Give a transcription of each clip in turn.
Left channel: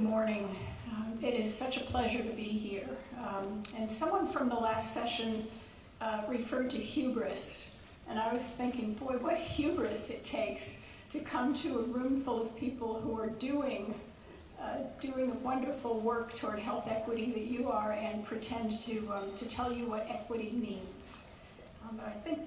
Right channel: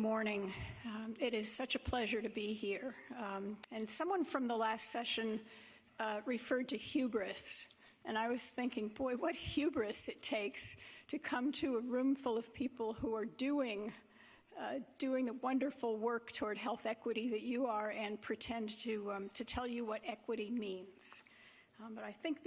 Good morning. It is such a pleasure to be here. And someone from the last session referred to hubris, and I was thinking, boy, what hubris it takes to come to a room full of people who are doing the wonderful work toward health equity that you are and pretend to tell you what equity means. But I think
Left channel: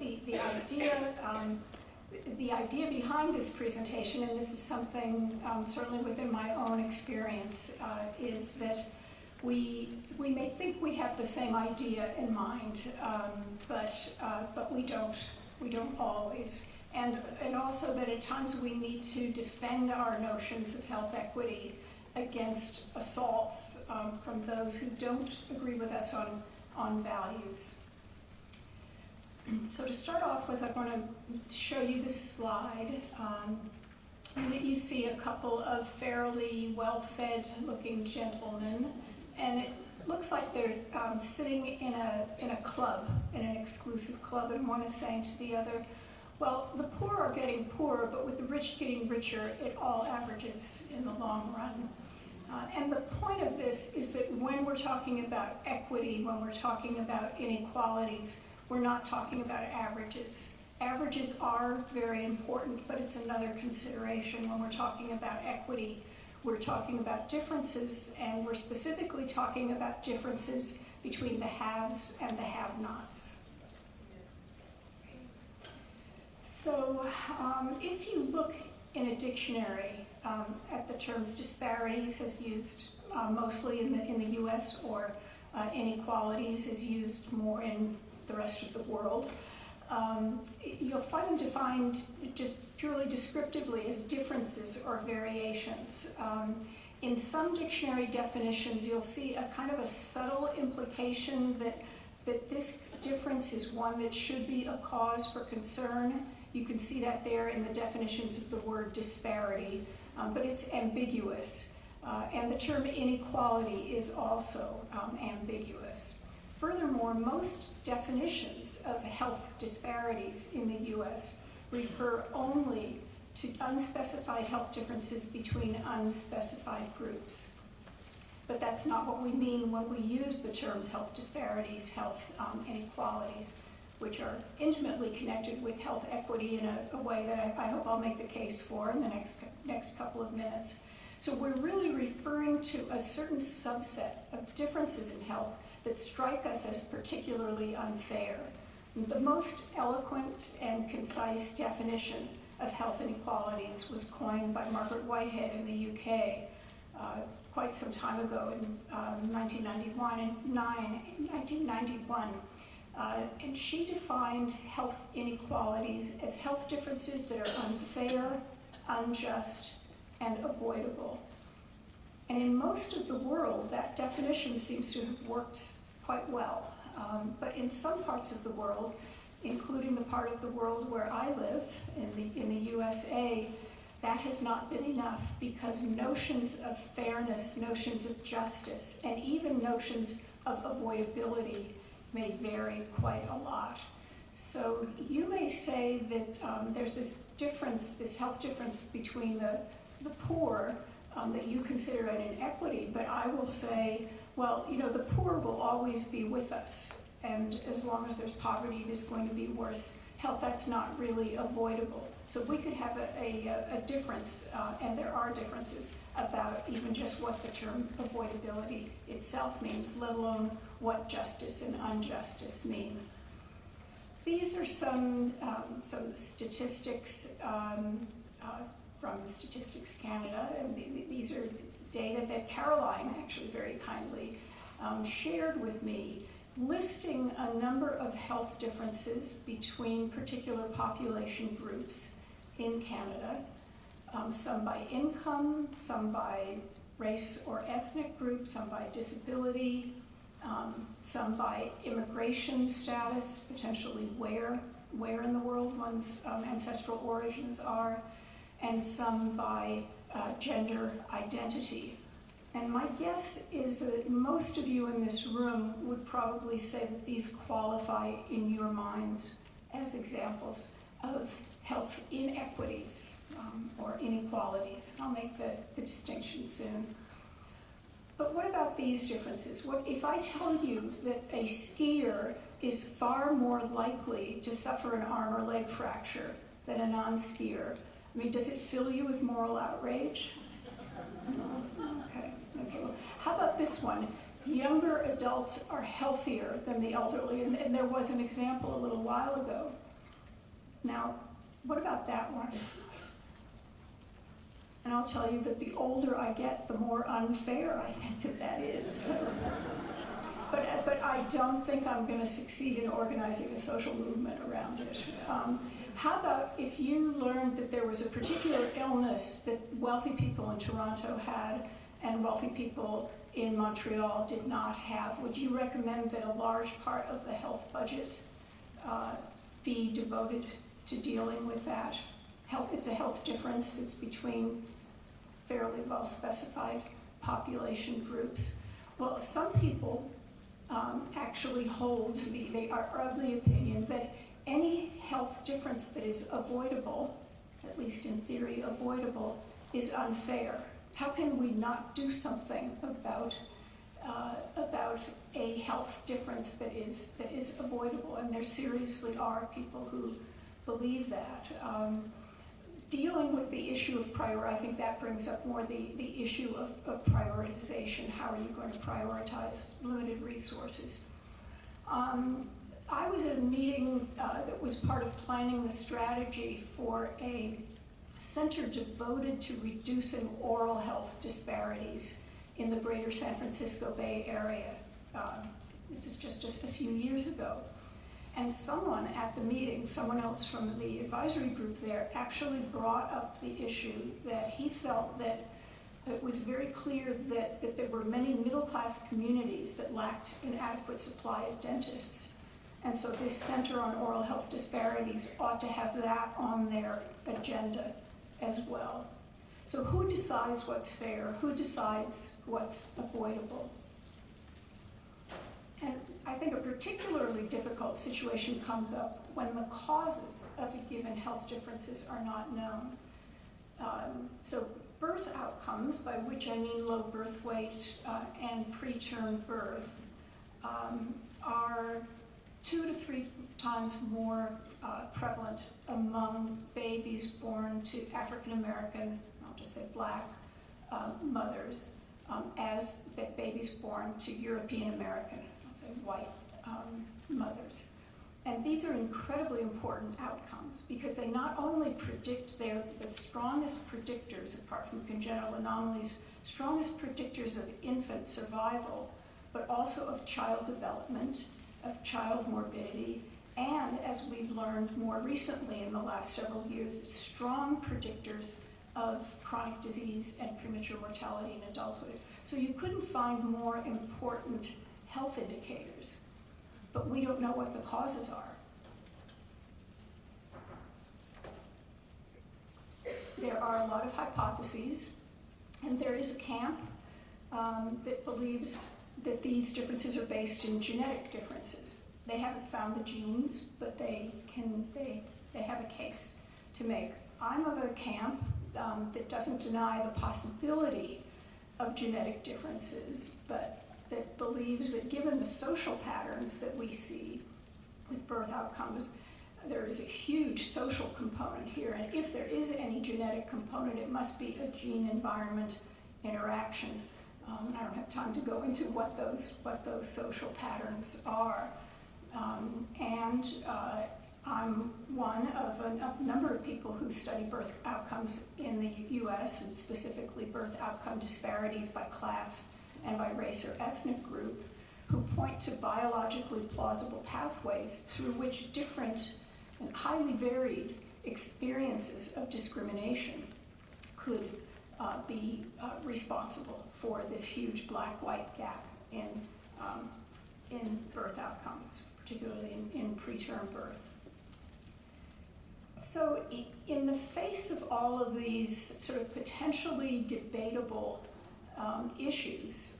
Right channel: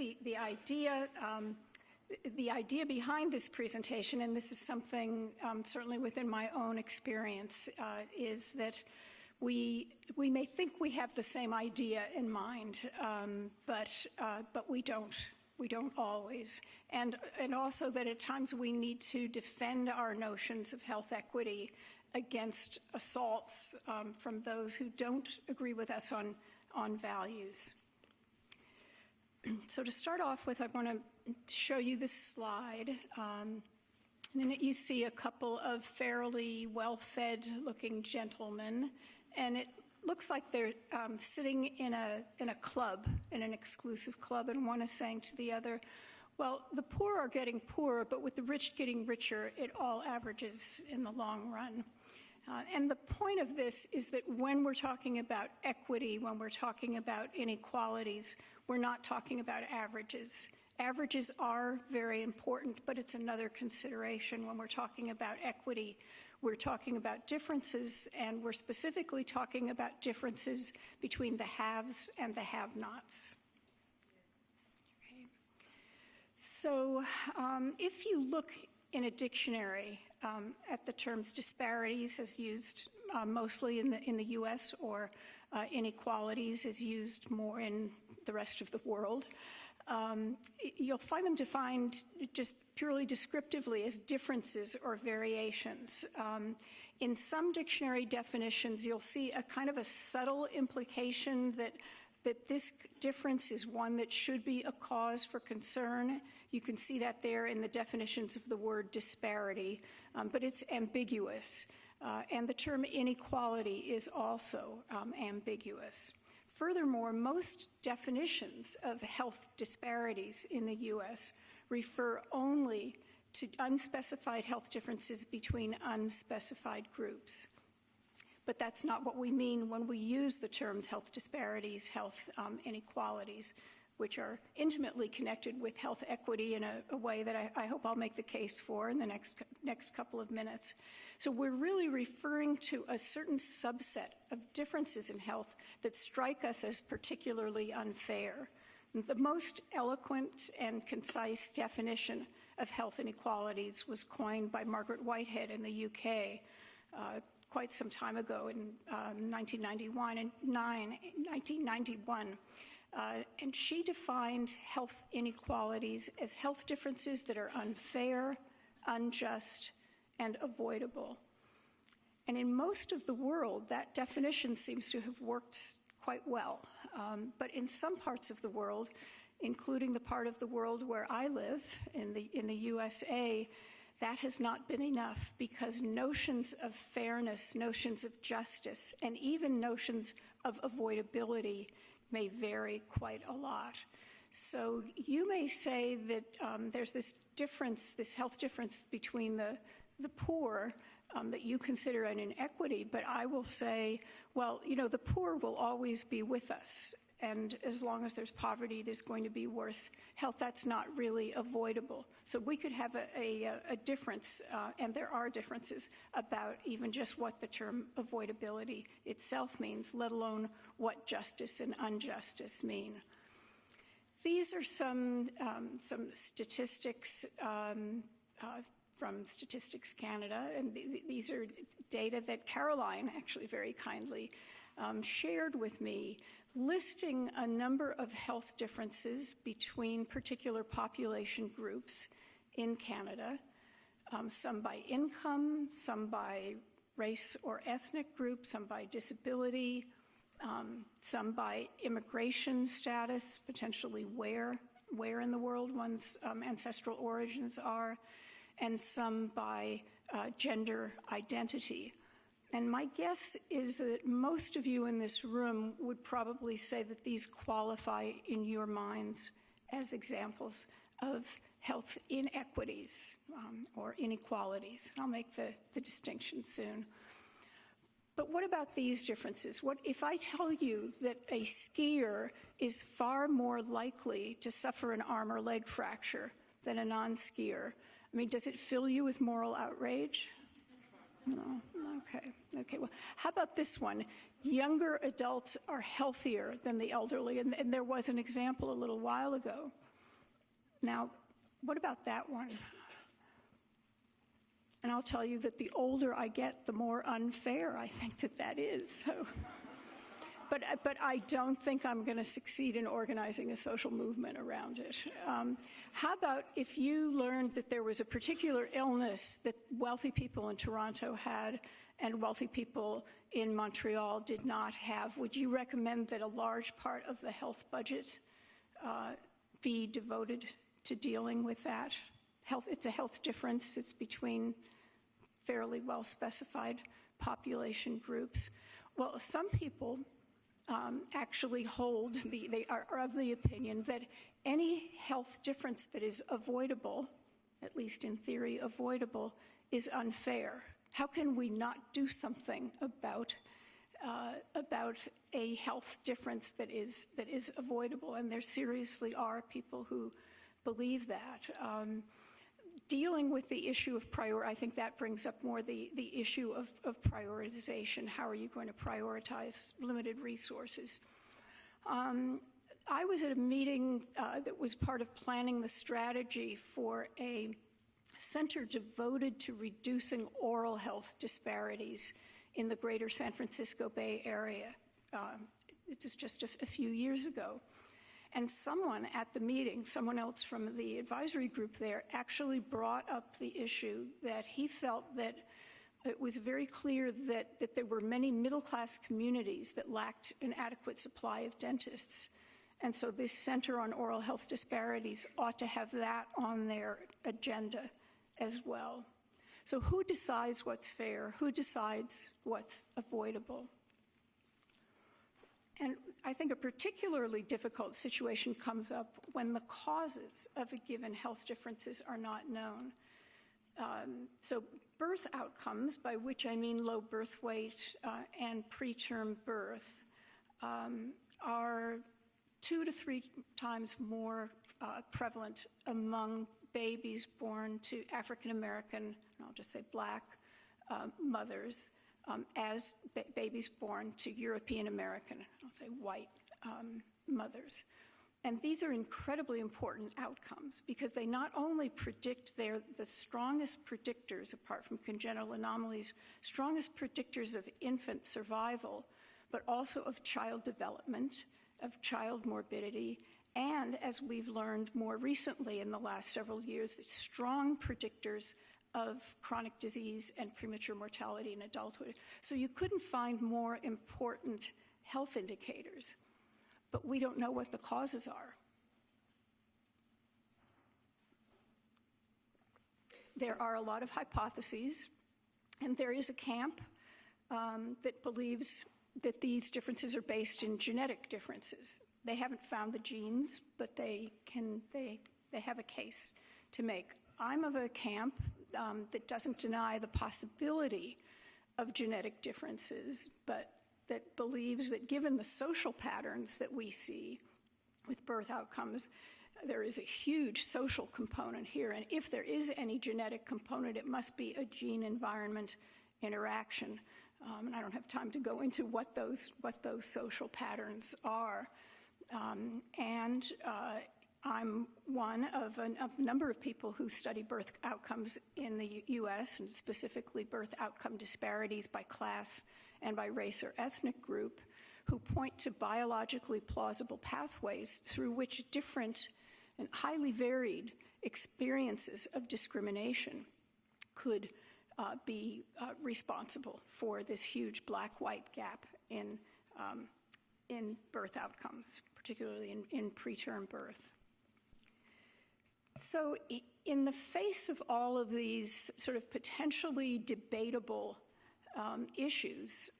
the idea behind this presentation, and this is something certainly within my own experience, is that we may think we have the same idea in mind, but we don't. We don't always. And also that at times we need to defend our notions of health equity against assaults from those who don't agree with us on values. So to start off with, I want to show you this slide. In it you see a couple of fairly well-fed looking gentlemen, and it looks like they're sitting in a club, in an exclusive club, and one is saying to the other, well, the poor are getting poorer, but with the rich getting richer, it all averages in the long run. And the point of this is that when we're talking about equity, when we're talking about inequalities, we're not talking about averages. Averages are very important, but it's another consideration. When we're talking about equity, we're talking about differences, and we're specifically talking about differences between the haves and the have-nots. So if you look in a dictionary at the terms disparities as used mostly in the US, or inequalities is used more in the rest of the world, you'll find them defined just purely descriptively as differences or variations. In some dictionary definitions, you'll see a kind of a subtle implication that this difference is one that should be a cause for concern. You can see that there in the definitions of the word disparity, but it's ambiguous. And the term inequality is also ambiguous. Furthermore, most definitions of health disparities in the US refer only to unspecified health differences between unspecified groups. But that's not what we mean when we use the terms health disparities, health inequalities, which are intimately connected with health equity in a way that I hope I'll make the case for in the next couple of minutes. So we're really referring to a certain subset of differences in health that strike us as particularly unfair. The most eloquent and concise definition of health inequalities was coined by Margaret Whitehead in the UK quite some time ago in 1991. And she defined health inequalities as health differences that are unfair, unjust, and avoidable. And in most of the world, that definition seems to have worked quite well. But in some parts of the world, including the part of the world where I live, in the USA, that has not been enough, because notions of fairness, notions of justice, and even notions of avoidability may vary quite a lot. So you may say that there's this difference, this health difference between the poor that you consider an inequity, but I will say, well, you know, the poor will always be with us, and as long as there's poverty, there's going to be worse health. That's not really avoidable. So we could have a difference, and there are differences about even just what the term avoidability itself means, let alone what justice and injustice mean. These are some statistics from Statistics Canada, and these are data that Caroline actually very kindly shared with me, listing a number of health differences between particular population groups in Canada, some by income, some by race or ethnic group, some by disability, some by immigration status, potentially where in the world one's ancestral origins are, and some by gender identity. And my guess is that most of you in this room would probably say that these qualify in your minds as examples of health inequities or inequalities. And I'll make the distinction soon. But what about these differences? What if I tell you that a skier is far more likely to suffer an arm or leg fracture than a non-skier? I mean, does it fill you with moral outrage? No. Okay. Well, how about this one? Younger adults are healthier than the elderly, and there was an example a little while ago. Now, what about that one? And I'll tell you that the older I get, the more unfair I think that is. But I don't think I'm going to succeed in organizing a social movement around it. How about if you learned that there was a particular illness that wealthy people in Toronto had and wealthy people in Montreal did not have? Would you recommend that a large part of the health budget be devoted to dealing with that? It's a health difference. It's between fairly well specified population groups. Well, some people actually hold, they are of the opinion that any health difference that is avoidable, at least in theory avoidable, is unfair. How can we not do something about a health difference that is avoidable? And there seriously are people who believe that. Dealing with the issue of I think that brings up more the issue of prioritization. How are you going to prioritize limited resources? I was at a meeting that was part of planning the strategy for a center devoted to reducing oral health disparities in the greater San Francisco Bay Area. It was just a few years ago. And someone at the meeting, someone else from the advisory group there, actually brought up the issue that he felt that it was very clear that there were many middle-class communities that lacked an adequate supply of dentists. And so this Center on Oral Health Disparities ought to have that on their agenda as well. So who decides what's fair? Who decides what's avoidable? And I think a particularly difficult situation comes up when the causes of a given health differences are not known. So birth outcomes, by which I mean low birth weight and preterm birth, are 2 to 3 times more prevalent among babies born to African American, I'll just say Black, mothers, as babies born to European American, I'll say white mothers. And these are incredibly important outcomes because they not only predict, they're the strongest predictors, apart from congenital anomalies, strongest predictors of infant survival, but also of child development, of child morbidity, and as we've learned more recently in the last several years, strong predictors of chronic disease and premature mortality in adulthood. So you couldn't find more important health indicators, but we don't know what the causes are. There are a lot of hypotheses, and there is a camp that believes that these differences are based in genetic differences. They haven't found the genes, but they have a case to make. I'm of a camp that doesn't deny the possibility of genetic differences, but that believes that given the social patterns that we see with birth outcomes, there is a huge social component here. And if there is any genetic component, it must be a gene-environment interaction. I don't have time to go into what those social patterns are. I'm one of a number of people who study birth outcomes in the US, and specifically birth outcome disparities by class and by race or ethnic group, who point to biologically plausible pathways through which different and highly varied experiences of discrimination could be responsible for this huge black-white gap in birth outcomes, particularly in preterm birth. So in the face of all of these sort of potentially debatable issues,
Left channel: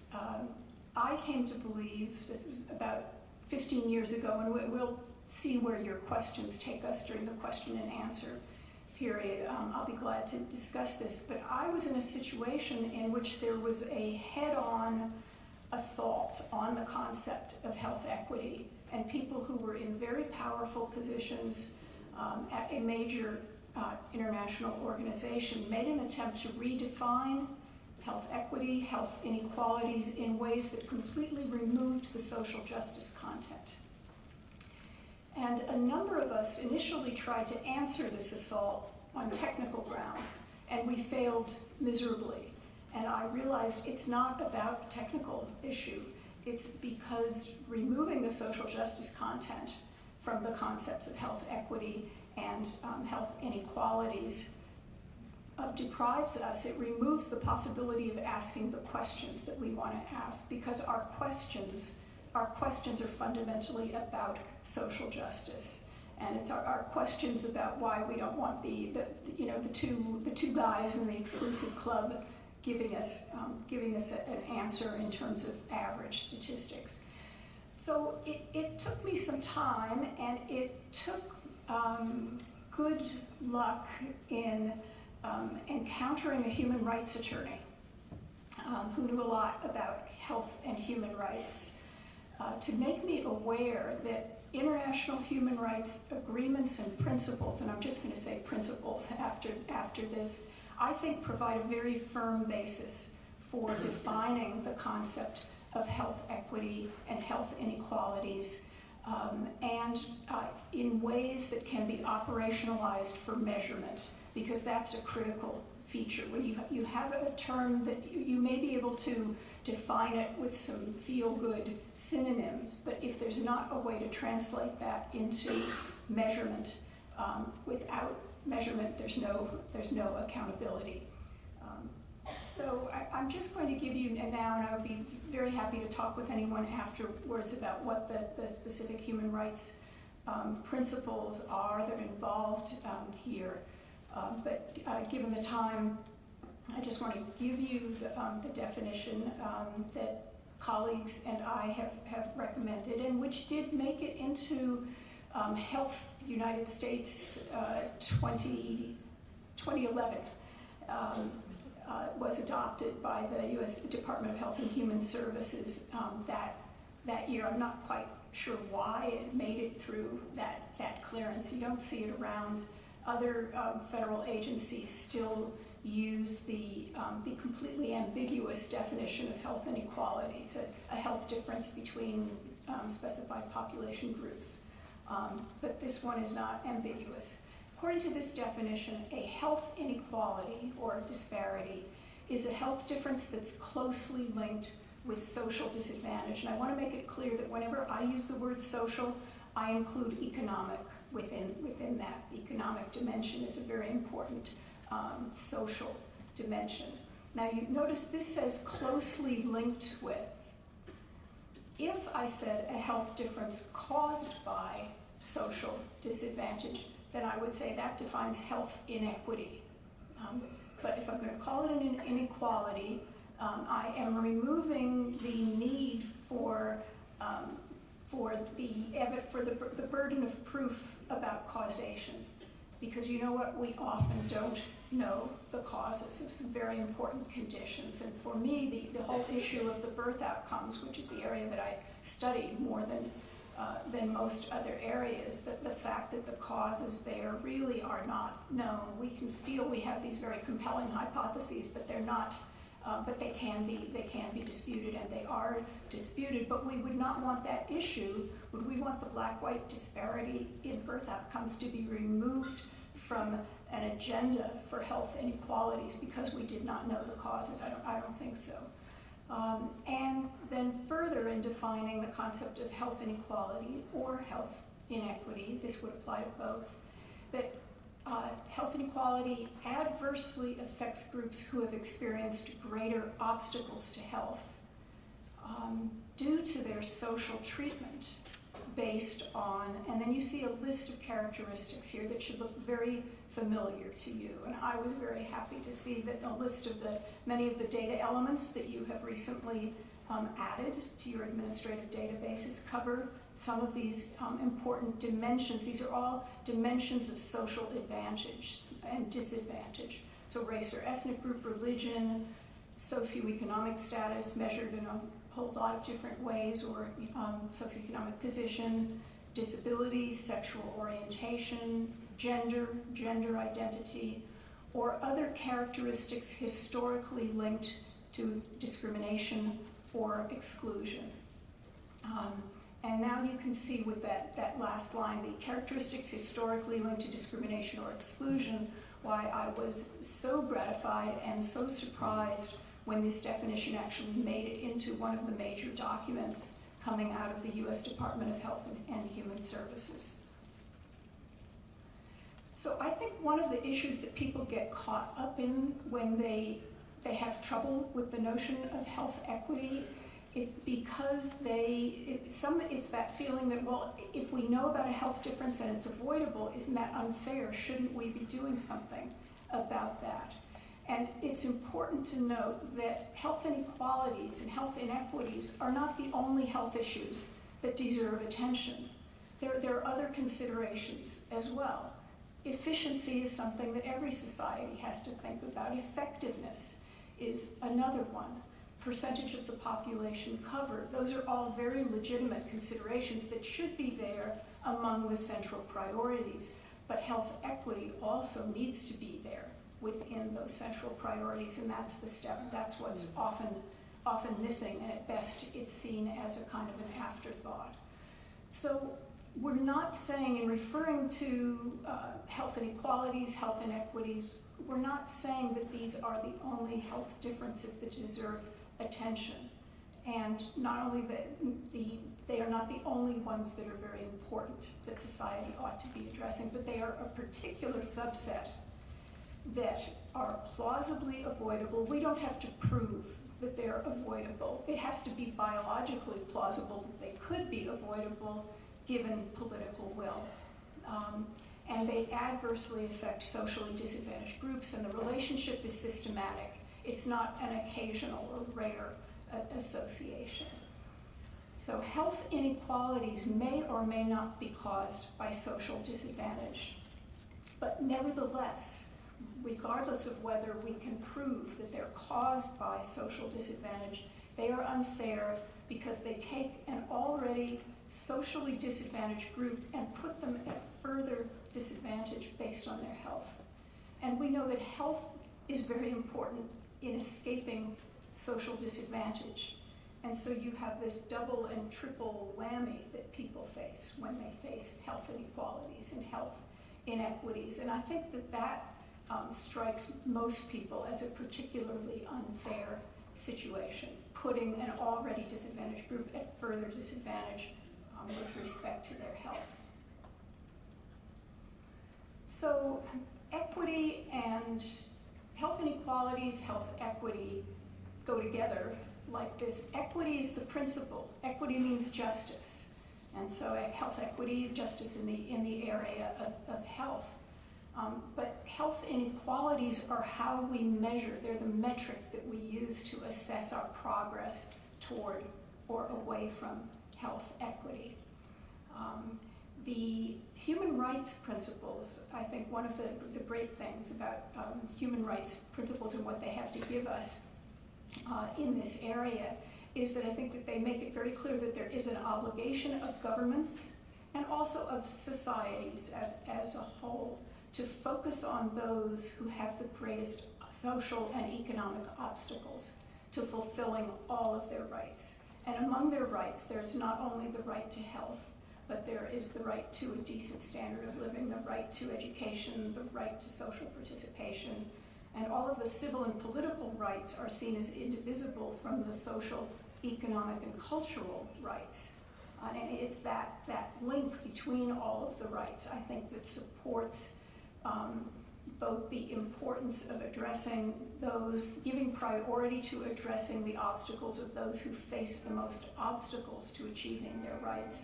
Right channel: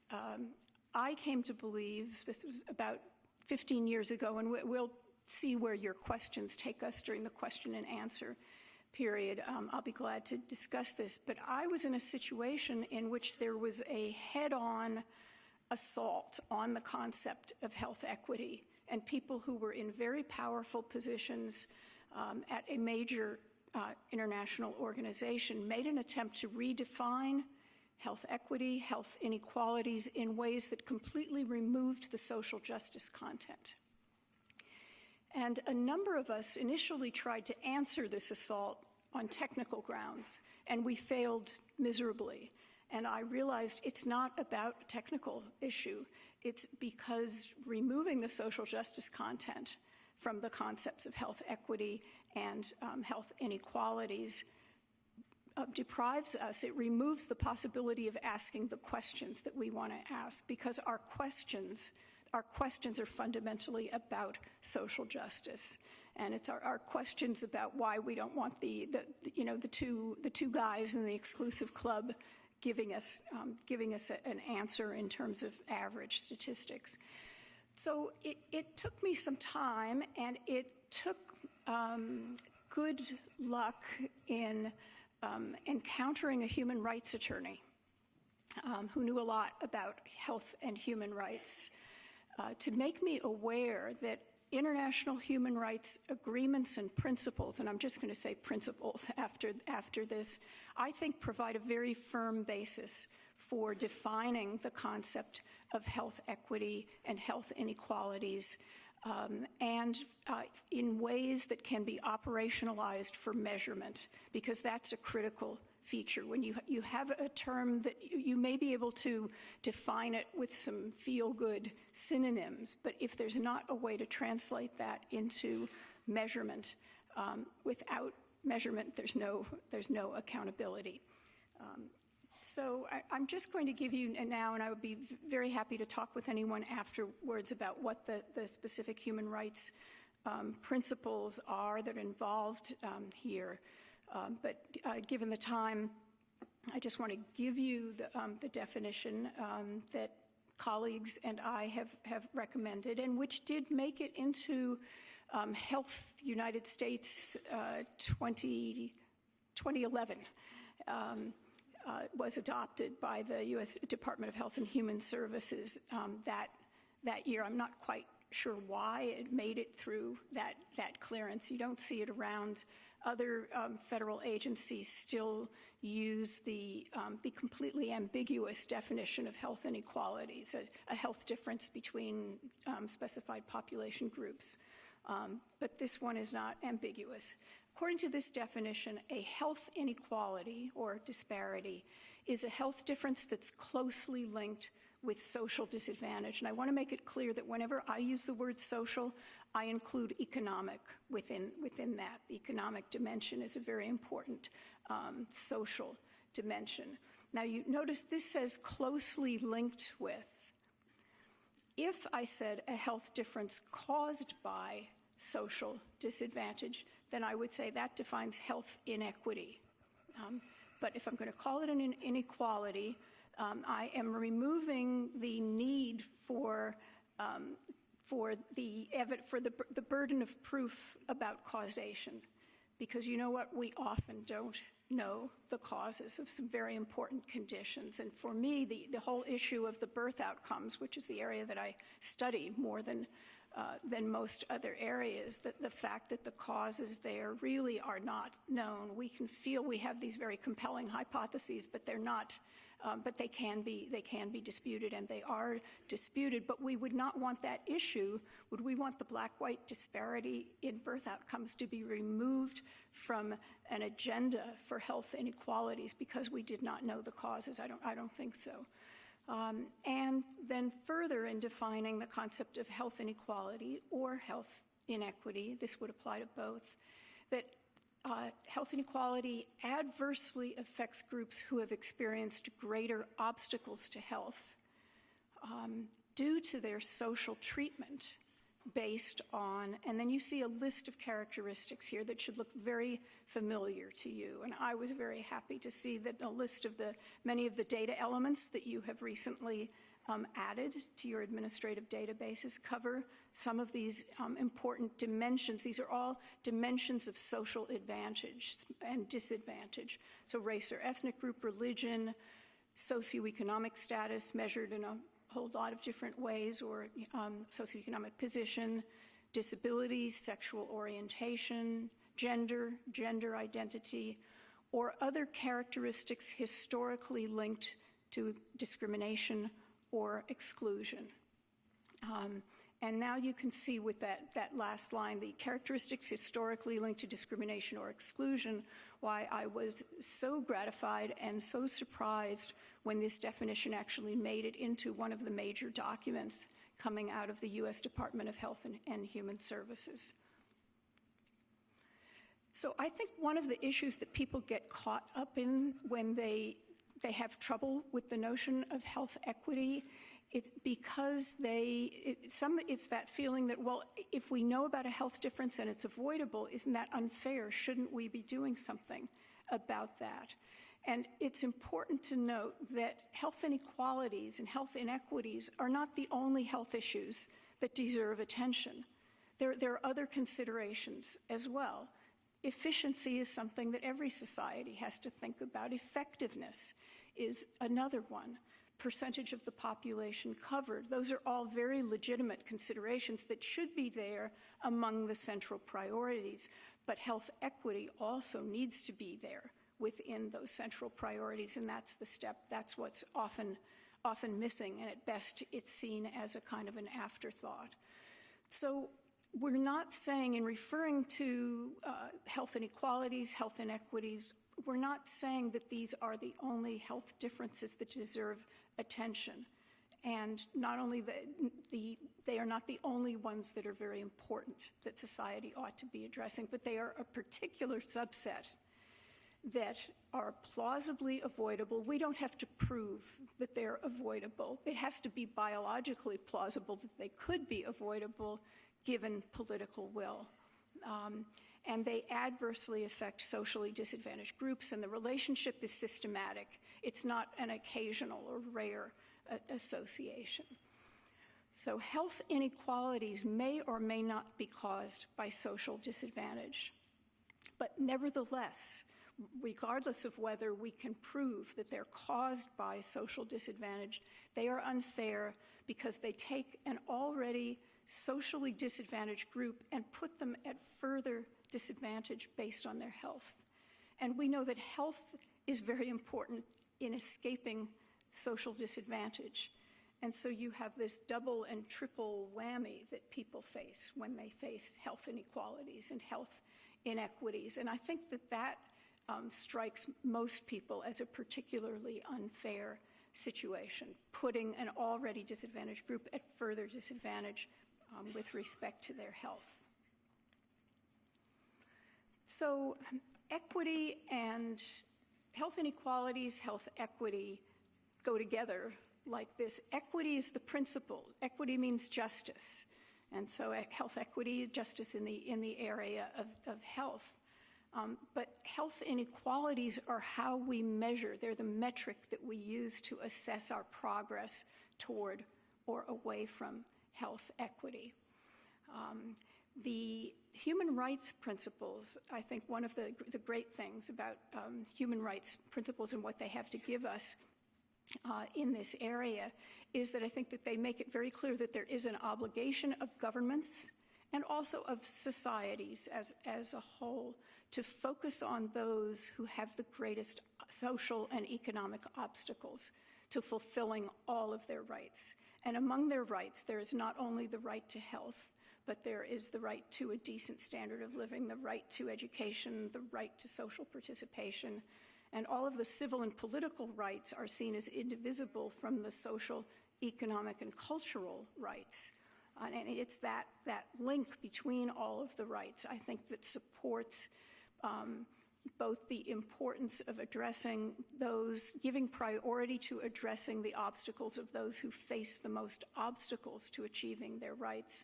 I came to believe, this was about 15 years ago, and we'll see where your questions take us during the question and answer period, I'll be glad to discuss this, but I was in a situation in which there was a head-on assault on the concept of health equity, and people who were in very powerful positions at a major international organization made an attempt to redefine health equity, health inequalities in ways that completely removed the social justice content. And a number of us initially tried to answer this assault on technical grounds, and we failed miserably. And I realized it's not about a technical issue. It's because removing the social justice content from the concepts of health equity and health inequalities deprives us, it removes the possibility of asking the questions that we want to ask, because our questions are fundamentally about social justice. And it's our questions about why we don't want the two guys in the exclusive club giving us an answer in terms of average statistics. So it took me some time, and it took good luck in encountering a human rights attorney who knew a lot about health and human rights to make me aware that international human rights agreements and principles, and I'm just going to say principles after this, I think provide a very firm basis for defining the concept of health equity and health inequalities, and in ways that can be operationalized for measurement, because that's a critical feature. When you have a term that you may be able to define it with some feel-good synonyms, but if there's not a way to translate that into measurement, without measurement there's no accountability. So I'm just going to give you now, and I would be very happy to talk with anyone afterwards about what the specific human rights principles are that are involved here. But given the time, I just want to give you the definition that colleagues and I have recommended, and which did make it into Health United States 2011. Was adopted by the U.S. Department of Health and Human Services that year. I'm not quite sure why it made it through that clearance. You don't see it around. Other federal agencies still use the completely ambiguous definition of health inequalities, a health difference between specified population groups. But this one is not ambiguous. According to this definition, a health inequality or disparity is a health difference that's closely linked with social disadvantage. And I want to make it clear that whenever I use the word social, I include economic within that. The economic dimension is a very important social dimension. Now you notice this says closely linked with. If I said a health difference caused by social disadvantage, then I would say that defines health inequity. But if I'm going to call it an inequality, I am removing the need for the burden of proof about causation, because you know what, we often don't know the causes of some very important conditions. And for me, the whole issue of the birth outcomes, which is the area that I studied more than most other areas, that the fact that the causes there really are not known. We can feel we have these very compelling hypotheses, but they're not. But they can be disputed, and they are disputed. But we would not want that issue. Would we want the black-white disparity in birth outcomes to be removed from an agenda for health inequalities because we did not know the causes? I don't think so. And then further, in defining the concept of health inequality or health inequity, this would apply to both, that health inequality adversely affects groups who have experienced greater obstacles to health due to their social treatment based on, and then you see a list of characteristics here that should look very familiar to you. And I was very happy to see that a list of many of the data elements that you have recently added to your administrative databases cover some of these important dimensions. These are all dimensions of social advantage, and disadvantage. So race or ethnic group, religion, socioeconomic status measured in a whole lot of different ways, or socioeconomic position, disability, sexual orientation, gender identity, or other characteristics historically linked to discrimination or exclusion. And now you can see with that last line, the characteristics historically linked to discrimination or exclusion, why I was so gratified and so surprised when this definition actually made it into one of the major documents coming out of the U.S. Department of Health and Human Services. So I think one of the issues that people get caught up in when they have trouble with the notion of health equity is because it's that feeling that, well, if we know about a health difference and it's avoidable, isn't that unfair? Shouldn't we be doing something about that? And it's important to note that health inequalities and health inequities are not the only health issues that deserve attention. There are other considerations as well. Efficiency is something that every society has to think about. Effectiveness is another one. Percentage of the population covered. Those are all very legitimate considerations that should be there among the central priorities. But health equity also needs to be there within those central priorities, and that's the step. That's what's often missing, and at best it's seen as a kind of an afterthought. So we're not saying, in referring to health inequalities, health inequities, we're not saying that these are the only health differences that deserve attention. And not only that, they are not the only ones that are very important that society ought to be addressing, but they are a particular subset that are plausibly avoidable. We don't have to prove that they're avoidable. It has to be biologically plausible that they could be avoidable given political will. And they adversely affect socially disadvantaged groups, and the relationship is systematic. It's not an occasional or rare association. So health inequalities may or may not be caused by social disadvantage. But nevertheless, regardless of whether we can prove that they're caused by social disadvantage, they are unfair because they take an already socially disadvantaged group and put them at further disadvantage based on their health. And we know that health is very important in escaping social disadvantage. And so you have this double and triple whammy that people face when they face health inequalities and health inequities. And I think that strikes most people as a particularly unfair situation, putting an already disadvantaged group at further disadvantage with respect to their health. So equity and health inequalities, health equity go together like this. Equity is the principle. Equity means justice. And so health equity, justice in the area of health. But health inequalities are how we measure. They're the metric that we use to assess our progress toward or away from health equity. The human rights principles, I think one of the great things about human rights principles and what they have to give us in this area is that I think that they make it very clear that there is an obligation of governments and also of societies as a whole to focus on those who have the greatest social and economic obstacles to fulfilling all of their rights. And among their rights, there's not only the right to health, but there is the right to a decent standard of living, the right to education, the right to social participation, and all of the civil and political rights are seen as indivisible from the social, economic, and cultural rights. And it's that link between all of the rights, I think, that supports both the importance of addressing those, giving priority to addressing the obstacles of those who face the most obstacles to achieving their rights.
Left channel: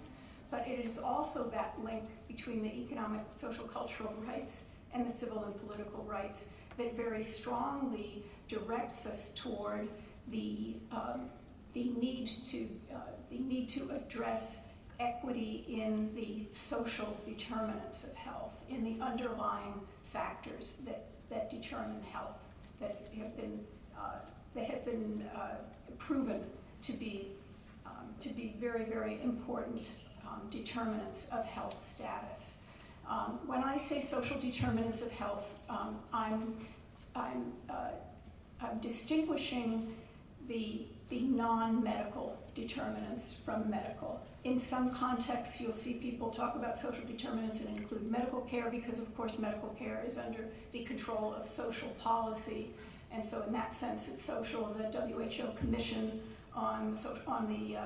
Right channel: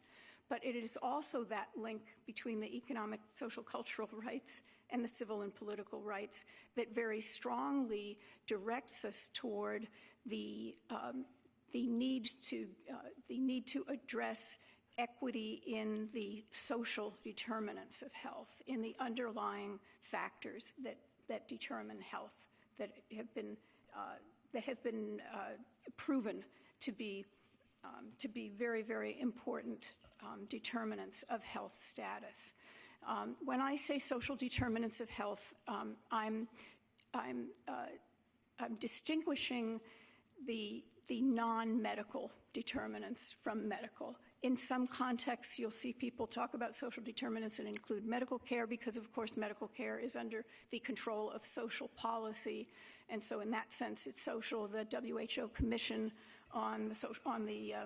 But it is also that link between the economic, social, cultural rights and the civil and political rights that very strongly directs us toward the need to address equity in the social determinants of health, in the underlying factors that determine health, that have been proven to be very, very important determinants of health status. When I say social determinants of health, I'm distinguishing the non-medical determinants from medical. In some contexts, you'll see people talk about social determinants and include medical care because, of course, medical care is under the control of social policy. And so in that sense, it's social. The WHO Commission on the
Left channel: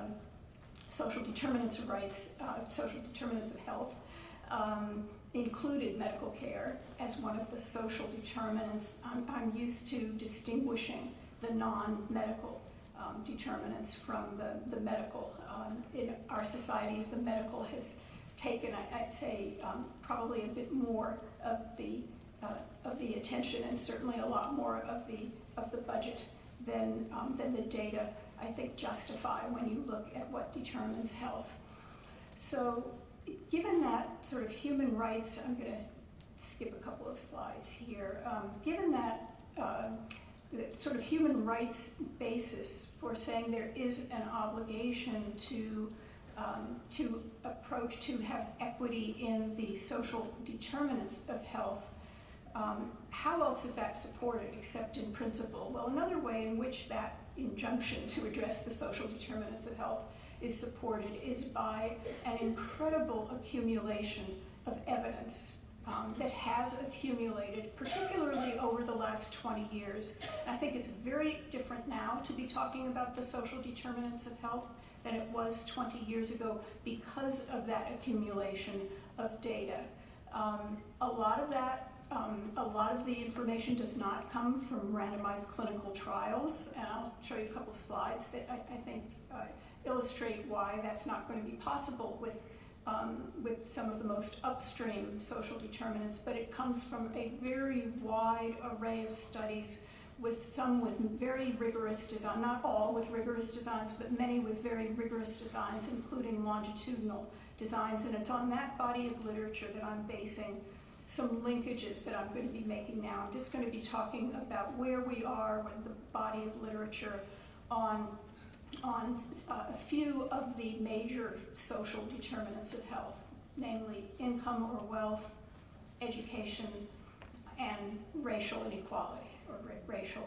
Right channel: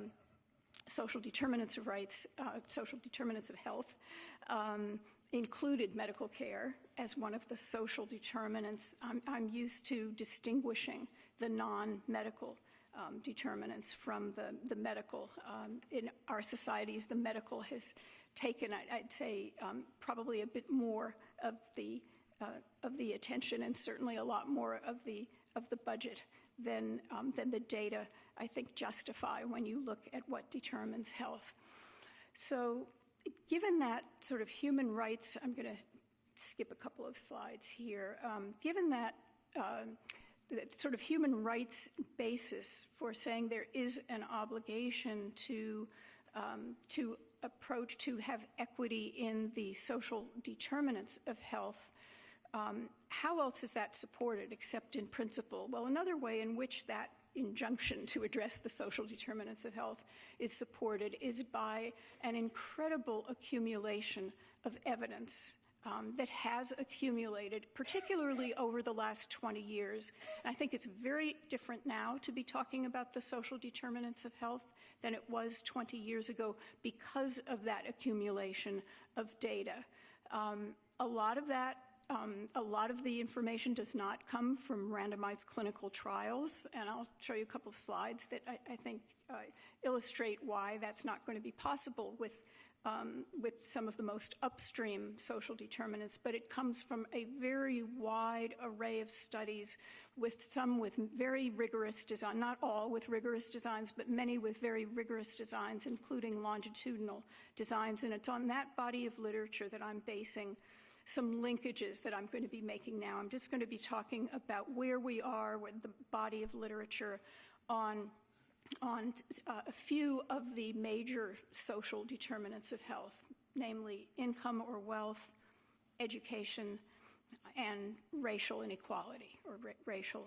social determinants of rights, social determinants of health, included medical care as one of the social determinants. I'm used to distinguishing the non-medical determinants from the medical. In our societies, the medical has taken, I'd say, probably a bit more of the attention, and certainly a lot more of the budget than the data, I think, justify when you look at what determines health. So, given that sort of human rights, I'm going to skip a couple of slides here. Given that the sort of human rights basis for saying there is an obligation to have equity in the social determinants of health, how else is that supported except in principle? Well, another way in which that injunction to address the social determinants of health is supported is by an incredible accumulation of evidence that has accumulated, particularly over the last 20 years. And I think it's very different now to be talking about the social determinants of health than it was 20 years ago because of that accumulation of data. A lot of the information does not come from randomized clinical trials, and I'll show you a couple of slides that I think illustrate why that's not going to be possible with some of the most upstream social determinants, but it comes from a very wide array of studies, with some with very rigorous design, not all with rigorous designs, but many with very rigorous designs, including longitudinal designs. And it's on that body of literature that I'm basing some linkages that I'm going to be making now. I'm just going to be talking about where we are with the body of literature on a few of the major social determinants of health, namely income or wealth, education, and racial inequality or racial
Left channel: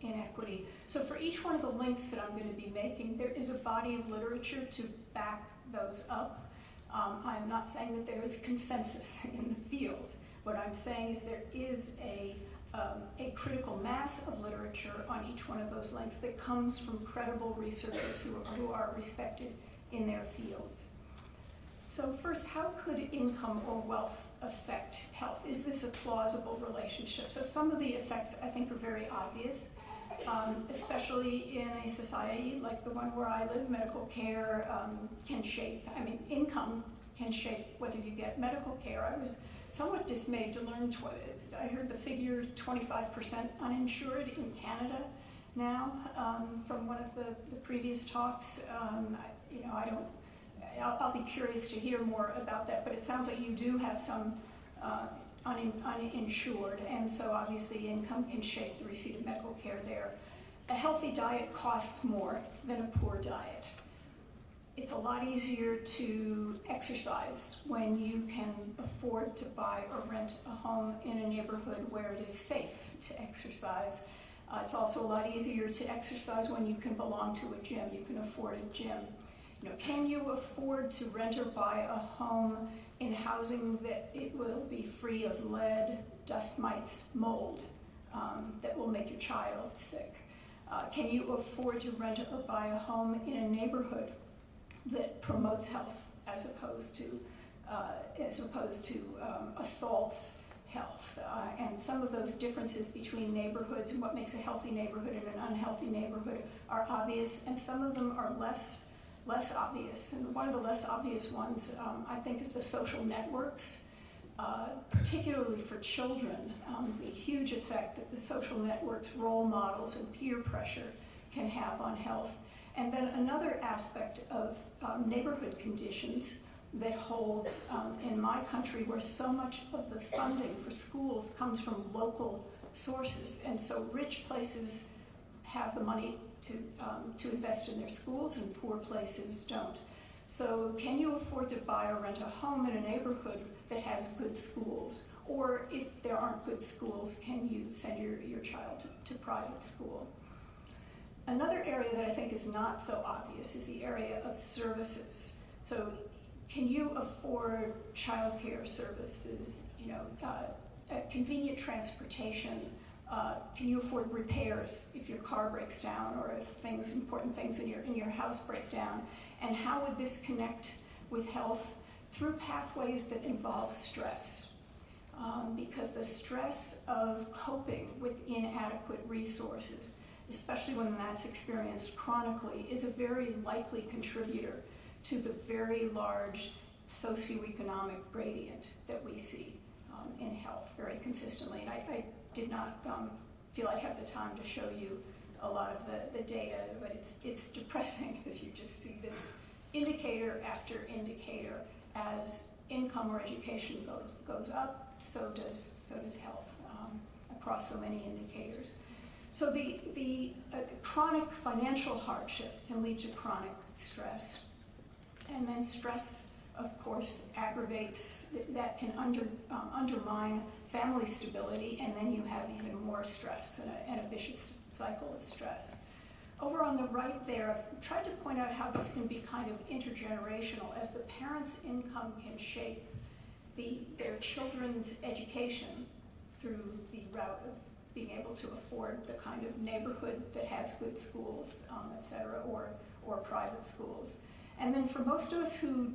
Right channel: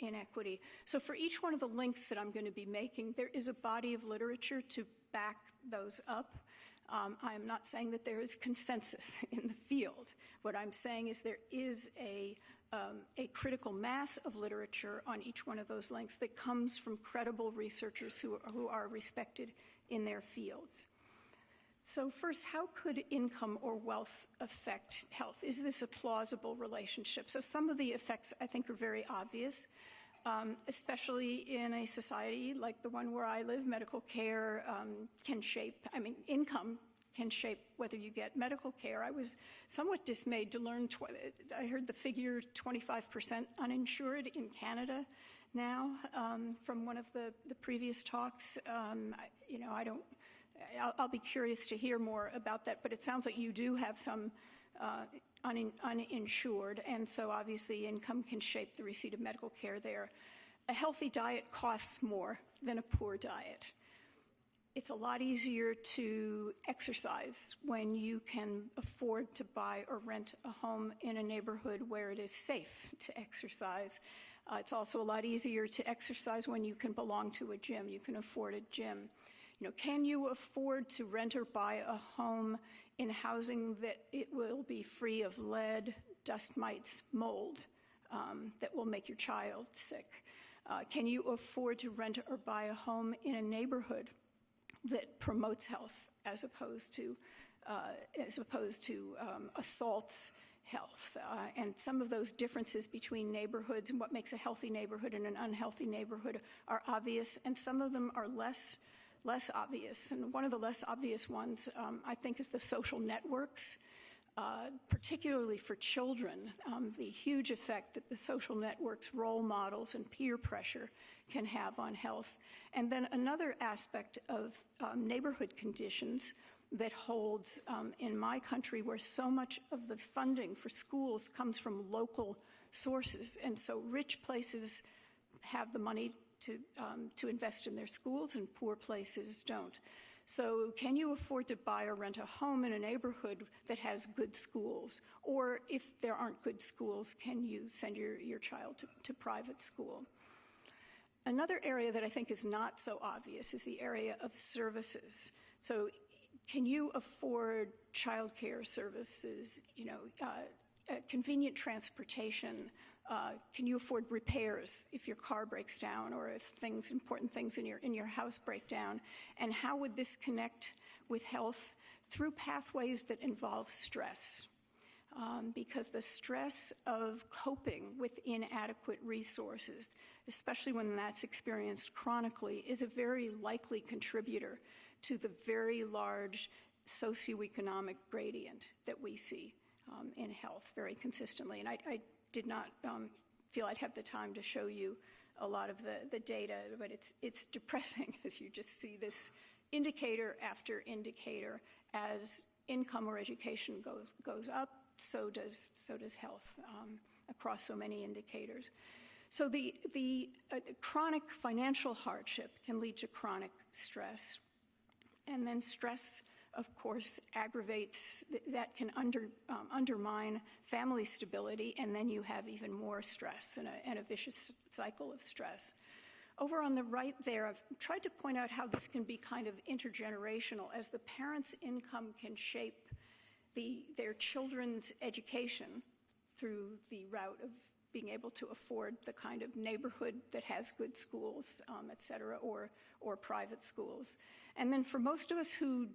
inequity. So for each one of the links that I'm going to be making, there is a body of literature to back those up. I'm not saying that there is consensus in the field. What I'm saying is there is a critical mass of literature on each one of those links that comes from credible researchers who are respected in their fields. So first, how could income or wealth affect health? Is this a plausible relationship? So some of the effects, I think, are very obvious, especially in a society like the one where I live. Medical care can shape, income can shape whether you get medical care. I was somewhat dismayed to learn, I heard the figure 25% uninsured in Canada now from one of the previous talks. I'll be curious to hear more about that, but it sounds like you do have some uninsured, and so obviously income can shape the receipt of medical care there. A healthy diet costs more than a poor diet. It's a lot easier to exercise when you can afford to buy or rent a home in a neighborhood where it is safe to exercise. It's also a lot easier to exercise when you can belong to a gym, you can afford a gym. Can you afford to rent or buy a home in housing that it will be free of lead, dust mites, mold that will make your child sick? Can you afford to rent or buy a home in a neighborhood that promotes health as opposed to assaults health? And some of those differences between neighborhoods and what makes a healthy neighborhood and an unhealthy neighborhood are obvious, and some of them are less obvious. And one of the less obvious ones, I think, is the social networks, particularly for children, the huge effect that the social networks, role models, and peer pressure can have on health. And then another aspect of neighborhood conditions, that holds in my country, where so much of the funding for schools comes from local sources. And so rich places have the money to invest in their schools, and poor places don't. So can you afford to buy or rent a home in a neighborhood that has good schools? Or if there aren't good schools, can you send your child to private school? Another area that I think is not so obvious is the area of services. So can you afford childcare services, convenient transportation? Can you afford repairs if your car breaks down, or if important things in your house break down? And how would this connect with health? Through pathways that involve stress. Because the stress of coping with inadequate resources, especially when that's experienced chronically, is a very likely contributor to the very large socioeconomic gradient that we see in health very consistently. And I did not feel I'd have the time to show you a lot of the data, but it's depressing as you just see this indicator after indicator. As income or education goes up, so does health across so many indicators. So the chronic financial hardship can lead to chronic stress, and then stress, of course, aggravates, that can undermine family stability, and then you have even more stress and a vicious cycle of stress. Over on the right there, I've tried to point out how this can be kind of intergenerational, as the parents' income can shape their children's education through the route of being able to afford the kind of neighborhood that has good schools, et cetera, or private schools. And then for most of us who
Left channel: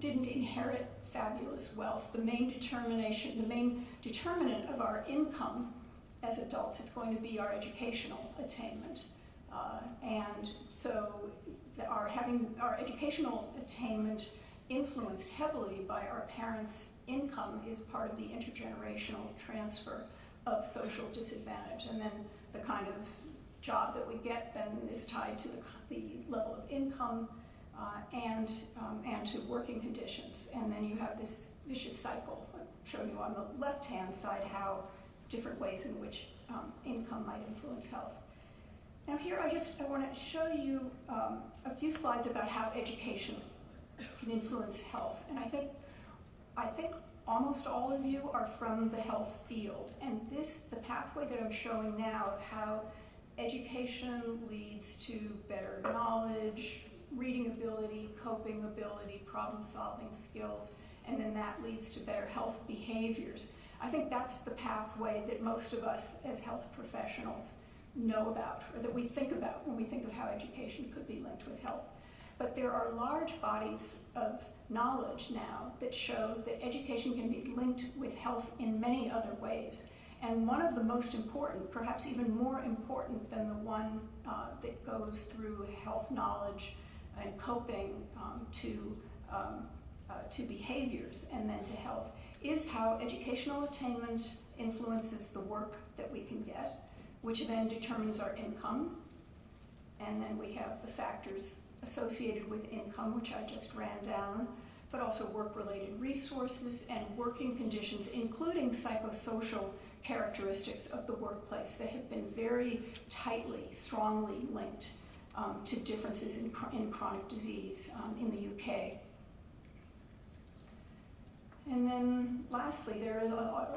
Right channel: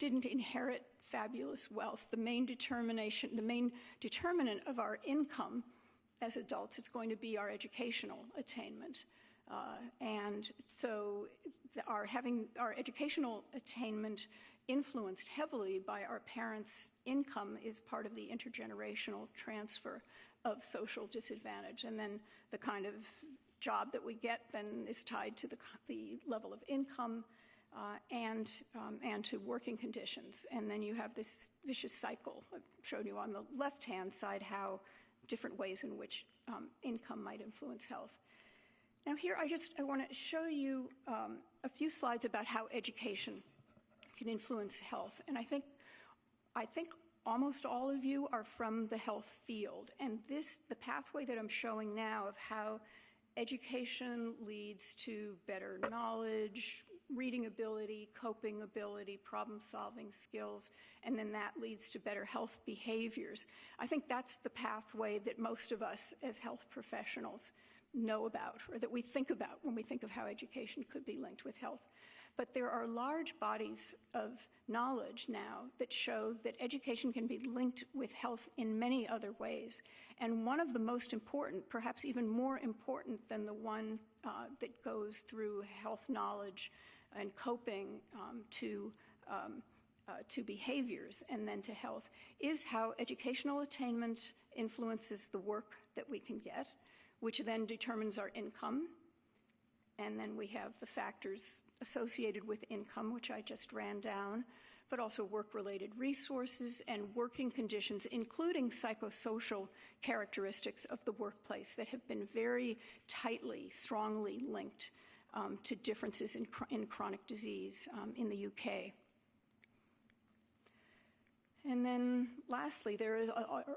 didn't inherit fabulous wealth, the main determinant of our income as adults is going to be our educational attainment. And so having our educational attainment influenced heavily by our parents' income is part of the intergenerational transfer of social disadvantage. And then the kind of job that we get then is tied to the level of income and to working conditions. And then you have this vicious cycle. I showed you on the left-hand side how different ways in which income might influence health. Now here I want to show you a few slides about how education can influence health. And I think almost all of you are from the health field. And the pathway that I'm showing now of how education leads to better knowledge, reading ability, coping ability, problem-solving skills, and then that leads to better health behaviors. I think that's the pathway that most of us as health professionals know about, or that we think about when we think of how education could be linked with health. But there are large bodies of knowledge now that show that education can be linked with health in many other ways. And one of the most important, perhaps even more important than the one that goes through health knowledge and coping to behaviors and then to health, is how educational attainment influences the work that we can get, which then determines our income. And then we have the factors associated with income, which I just ran down, but also work-related resources and working conditions, including psychosocial characteristics of the workplace that have been very tightly, strongly linked to differences in chronic disease in the UK. And then lastly, there is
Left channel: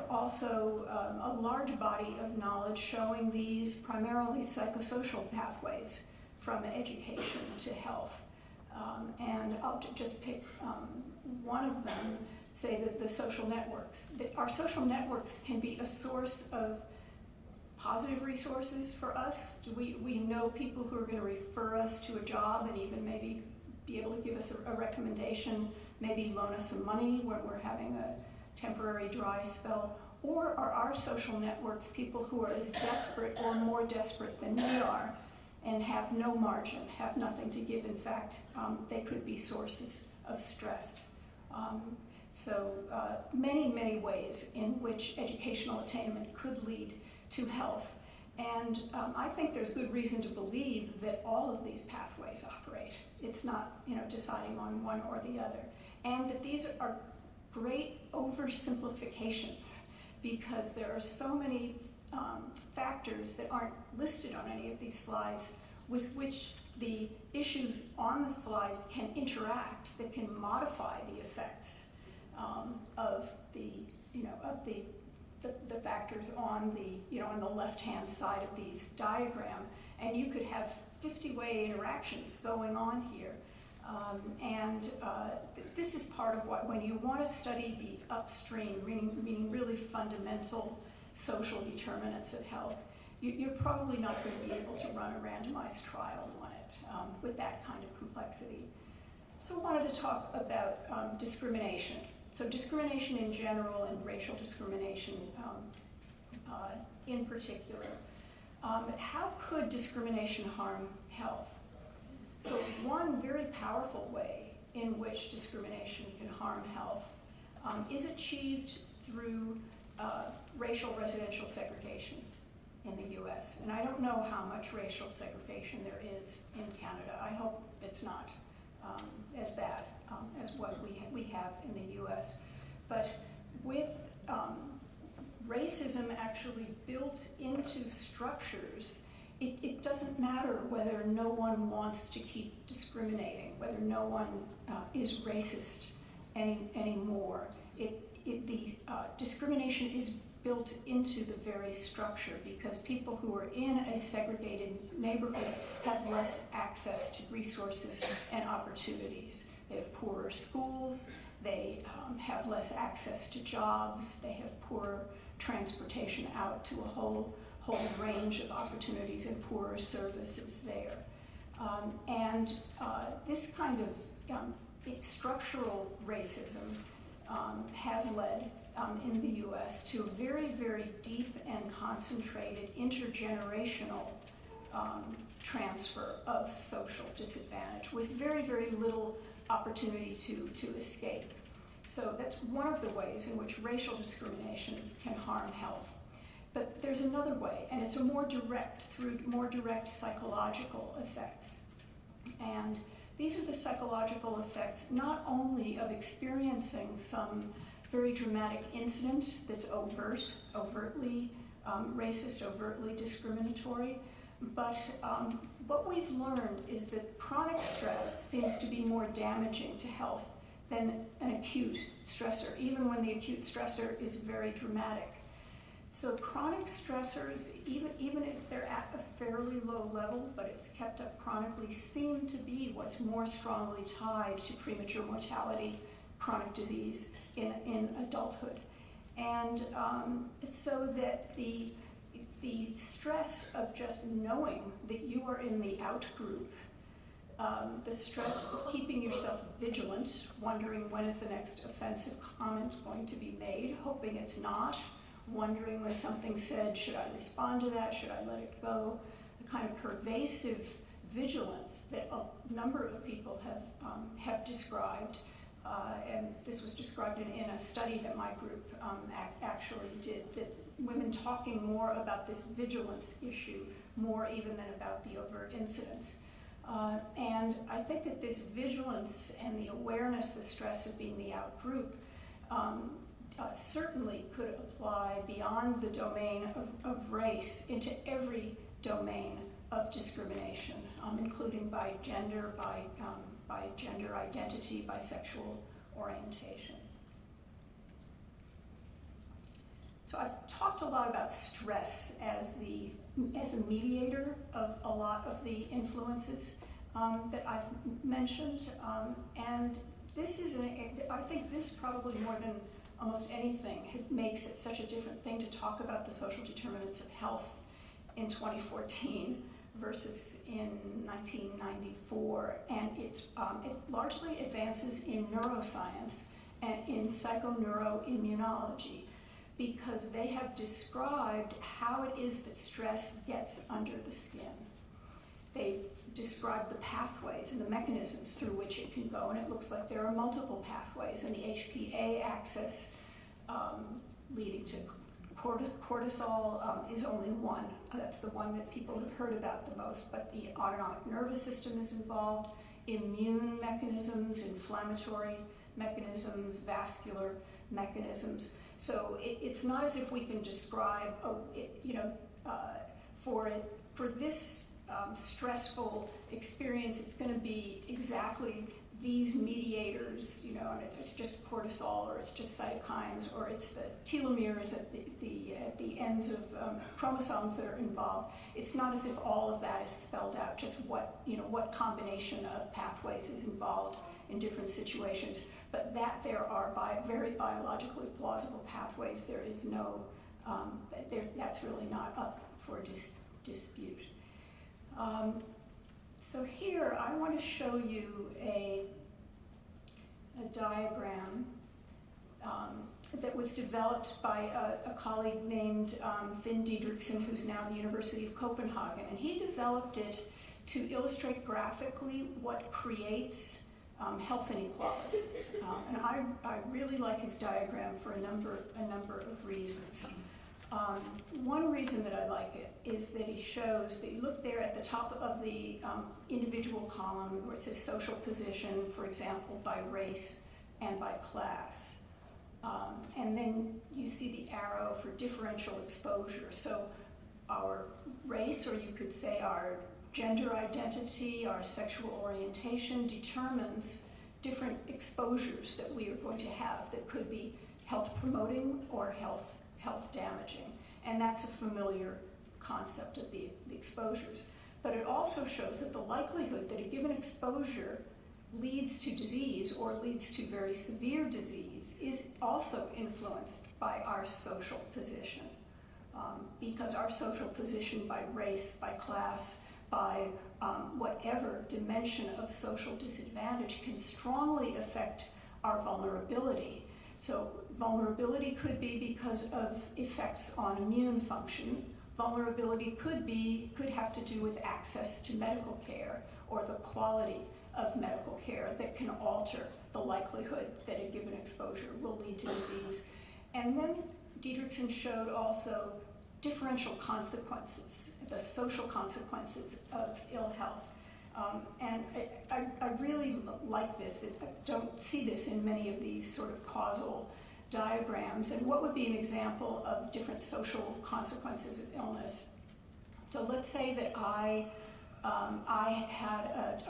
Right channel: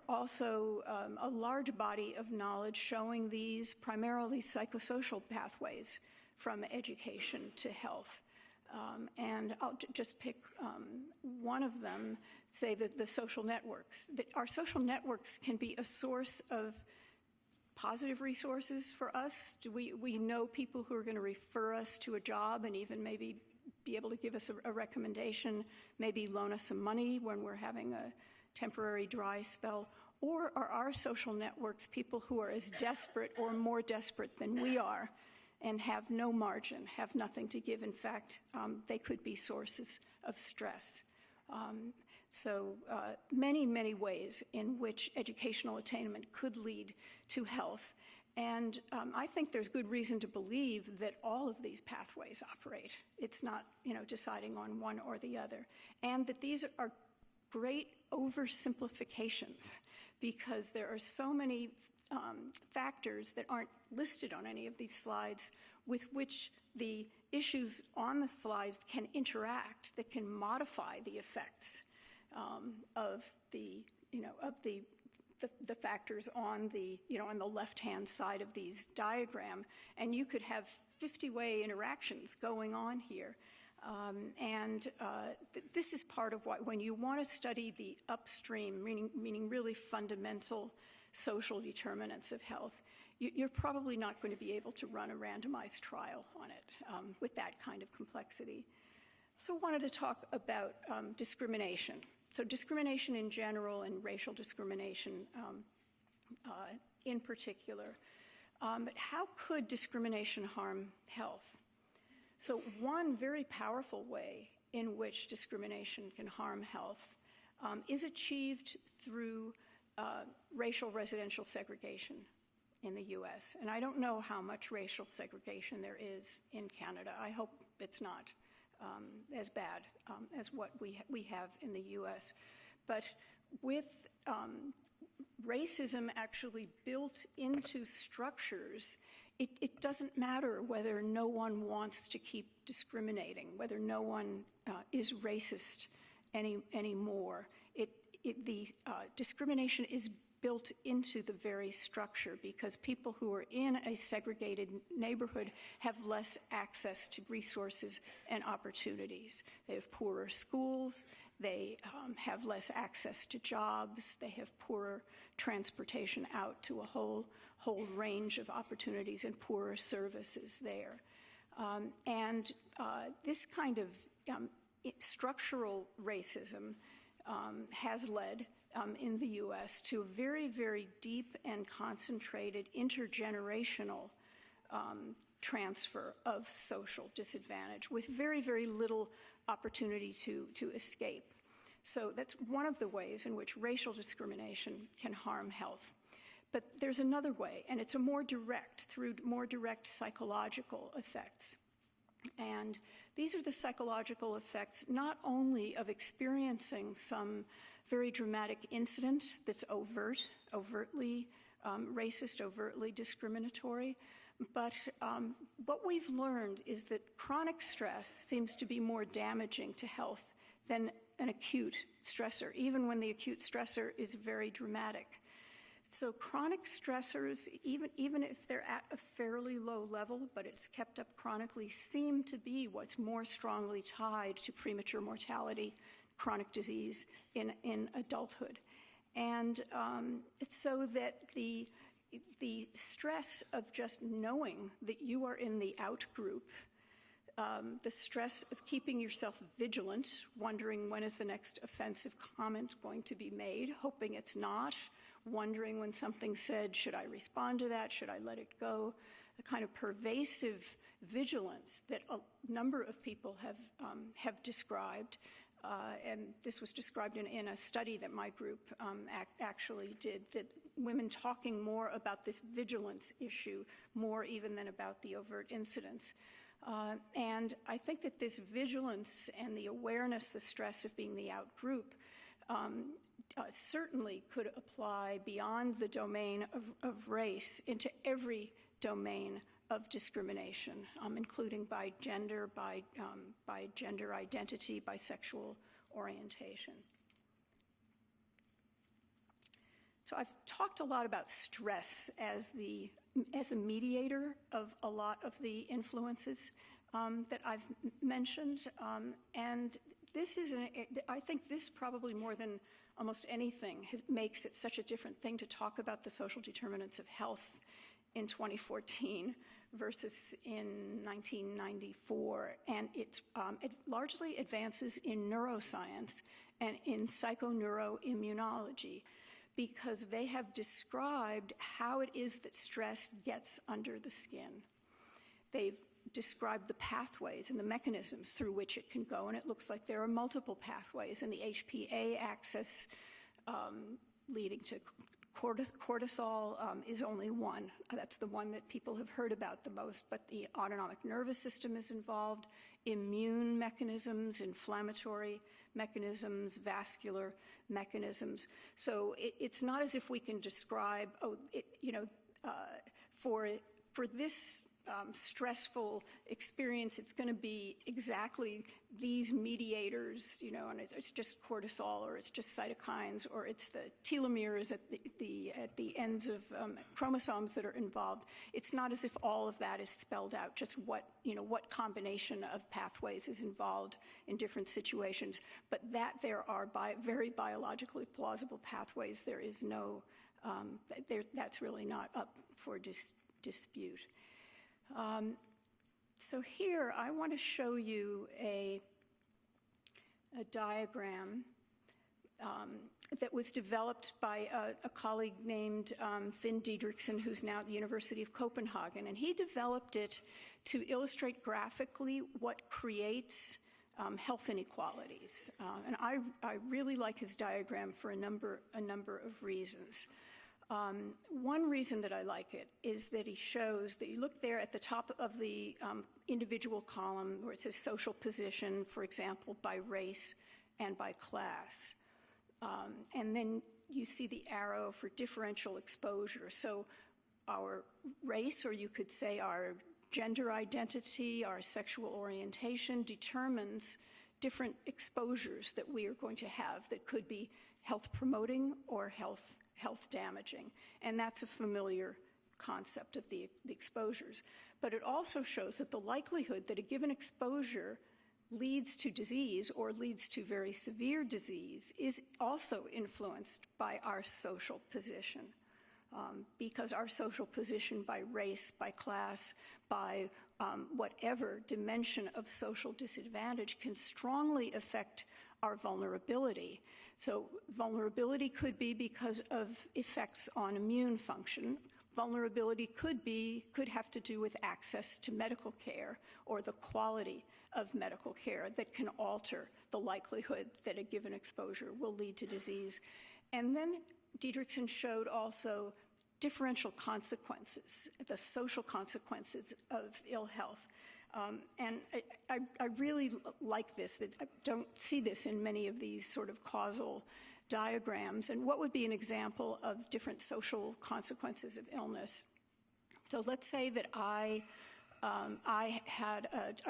also a large body of knowledge showing these primarily psychosocial pathways from education to health. And I'll just pick one of them, say that the social networks. Our social networks can be a source of positive resources for us. We know people who are going to refer us to a job and even maybe be able to give us a recommendation, maybe loan us some money when we're having a temporary dry spell. Or are our social networks people who are as desperate or more desperate than we are and have no margin, have nothing to give? In fact, they could be sources of stress. So many, many ways in which educational attainment could lead to health. And I think there's good reason to believe that all of these pathways operate. It's not, deciding on one or the other. and that these are great oversimplifications because there are so many factors that aren't listed on any of these slides with which the issues on the slides can interact, that can modify the effects of the factors on on the left-hand side of these diagram, and you could have 50-way interactions going on here. This is part of what, when you want to study the upstream, meaning really fundamental social determinants of health, you're probably not going to be able to run a randomized trial on it with that kind of complexity. So I wanted to talk about discrimination. So discrimination in general and racial discrimination in particular. How could discrimination harm health? So one very powerful way in which discrimination can harm health is achieved through racial residential segregation in the US. And I don't know how much racial segregation there is in Canada. I hope it's not as bad as what we have in the US. But with racism actually built into structures, it doesn't matter whether no one wants to keep discriminating, whether no one is racist anymore. The discrimination is built into the very structure because people who are in a segregated neighborhood have less access to resources and opportunities. They have poorer schools, they have less access to jobs, they have poorer transportation out to a whole range of opportunities and poorer services there. This kind of structural racism has led in the US to a very, very deep and concentrated intergenerational transfer of social disadvantage with very, very little opportunity to escape. So that's one of the ways in which racial discrimination can harm health. But there's another way, and it's through more direct psychological effects. And these are the psychological effects not only of experiencing some very dramatic incident that's overtly racist, overtly discriminatory, but what we've learned is that chronic stress seems to be more damaging to health than an acute stressor, even when the acute stressor is very dramatic. So chronic stressors, even if they're at a fairly low level, but it's kept up chronically, seem to be what's more strongly tied to premature mortality, chronic disease in adulthood. And so that the stress of just knowing that you are in the out group, the stress of keeping yourself vigilant, wondering when is the next offensive comment going to be made, hoping it's not, wondering when something's said, should I respond to that, should I let it go, the kind of pervasive vigilance that a number of people have described, and this was described in a study that my group actually did, that women talking more about this vigilance issue, more even than about the overt incidents. And I think that this vigilance and the awareness, the stress of being the out group, certainly could apply beyond the domain of race into every domain of discrimination, including by gender, by gender identity, by sexual orientation. So I've talked a lot about stress as a mediator of a lot of the influences that I've mentioned, and this is I think this probably more than almost anything makes it such a different thing to talk about the social determinants of health in 2014 versus in 1994, and it largely advances in neuroscience and in psychoneuroimmunology, because they have described how it is that stress gets under the skin. They've described the pathways and the mechanisms through which it can go, and it looks like there are multiple pathways, and the HPA axis leading to cortisol is only one. That's the one that people have heard about the most, but the autonomic nervous system is involved, immune mechanisms, inflammatory mechanisms, vascular mechanisms. So it's not as if we can describe, for this stressful experience, it's going to be exactly these mediators, and it's just cortisol, or it's just cytokines, or it's the telomeres at the ends of chromosomes that are involved. It's not as if all of that is spelled out, just what combination of pathways is involved in different situations, but that there are very biologically plausible pathways. There is no, that's really not up for dispute. So here I want to show you a diagram that was developed by a colleague named Finn Didrikson, who's now at the University of Copenhagen, and he developed it to illustrate graphically what creates health inequalities. And I really like his diagram for a number of reasons. One reason that I like it is that he shows that you look there at the top of the individual column where it says social position, for example, by race and by class. And then you see the arrow for differential exposure. So our race, or you could say our gender identity, our sexual orientation, determines different exposures that we are going to have that could be health promoting or health damaging. And that's a familiar concept of the exposures. But it also shows that the likelihood that a given exposure leads to disease or leads to very severe disease is also influenced by our social position. Because our social position by race, by class, by whatever dimension of social disadvantage can strongly affect our vulnerability. So vulnerability could be because of effects on immune function. Vulnerability could have to do with access to medical care or the quality of medical care that can alter the likelihood that a given exposure will lead to disease. And then Didrikson showed also differential consequences, the social consequences of ill health. And I really like this. I don't see this in many of these sort of causal diagrams. And what would be an example of different social consequences of illness? So let's say that I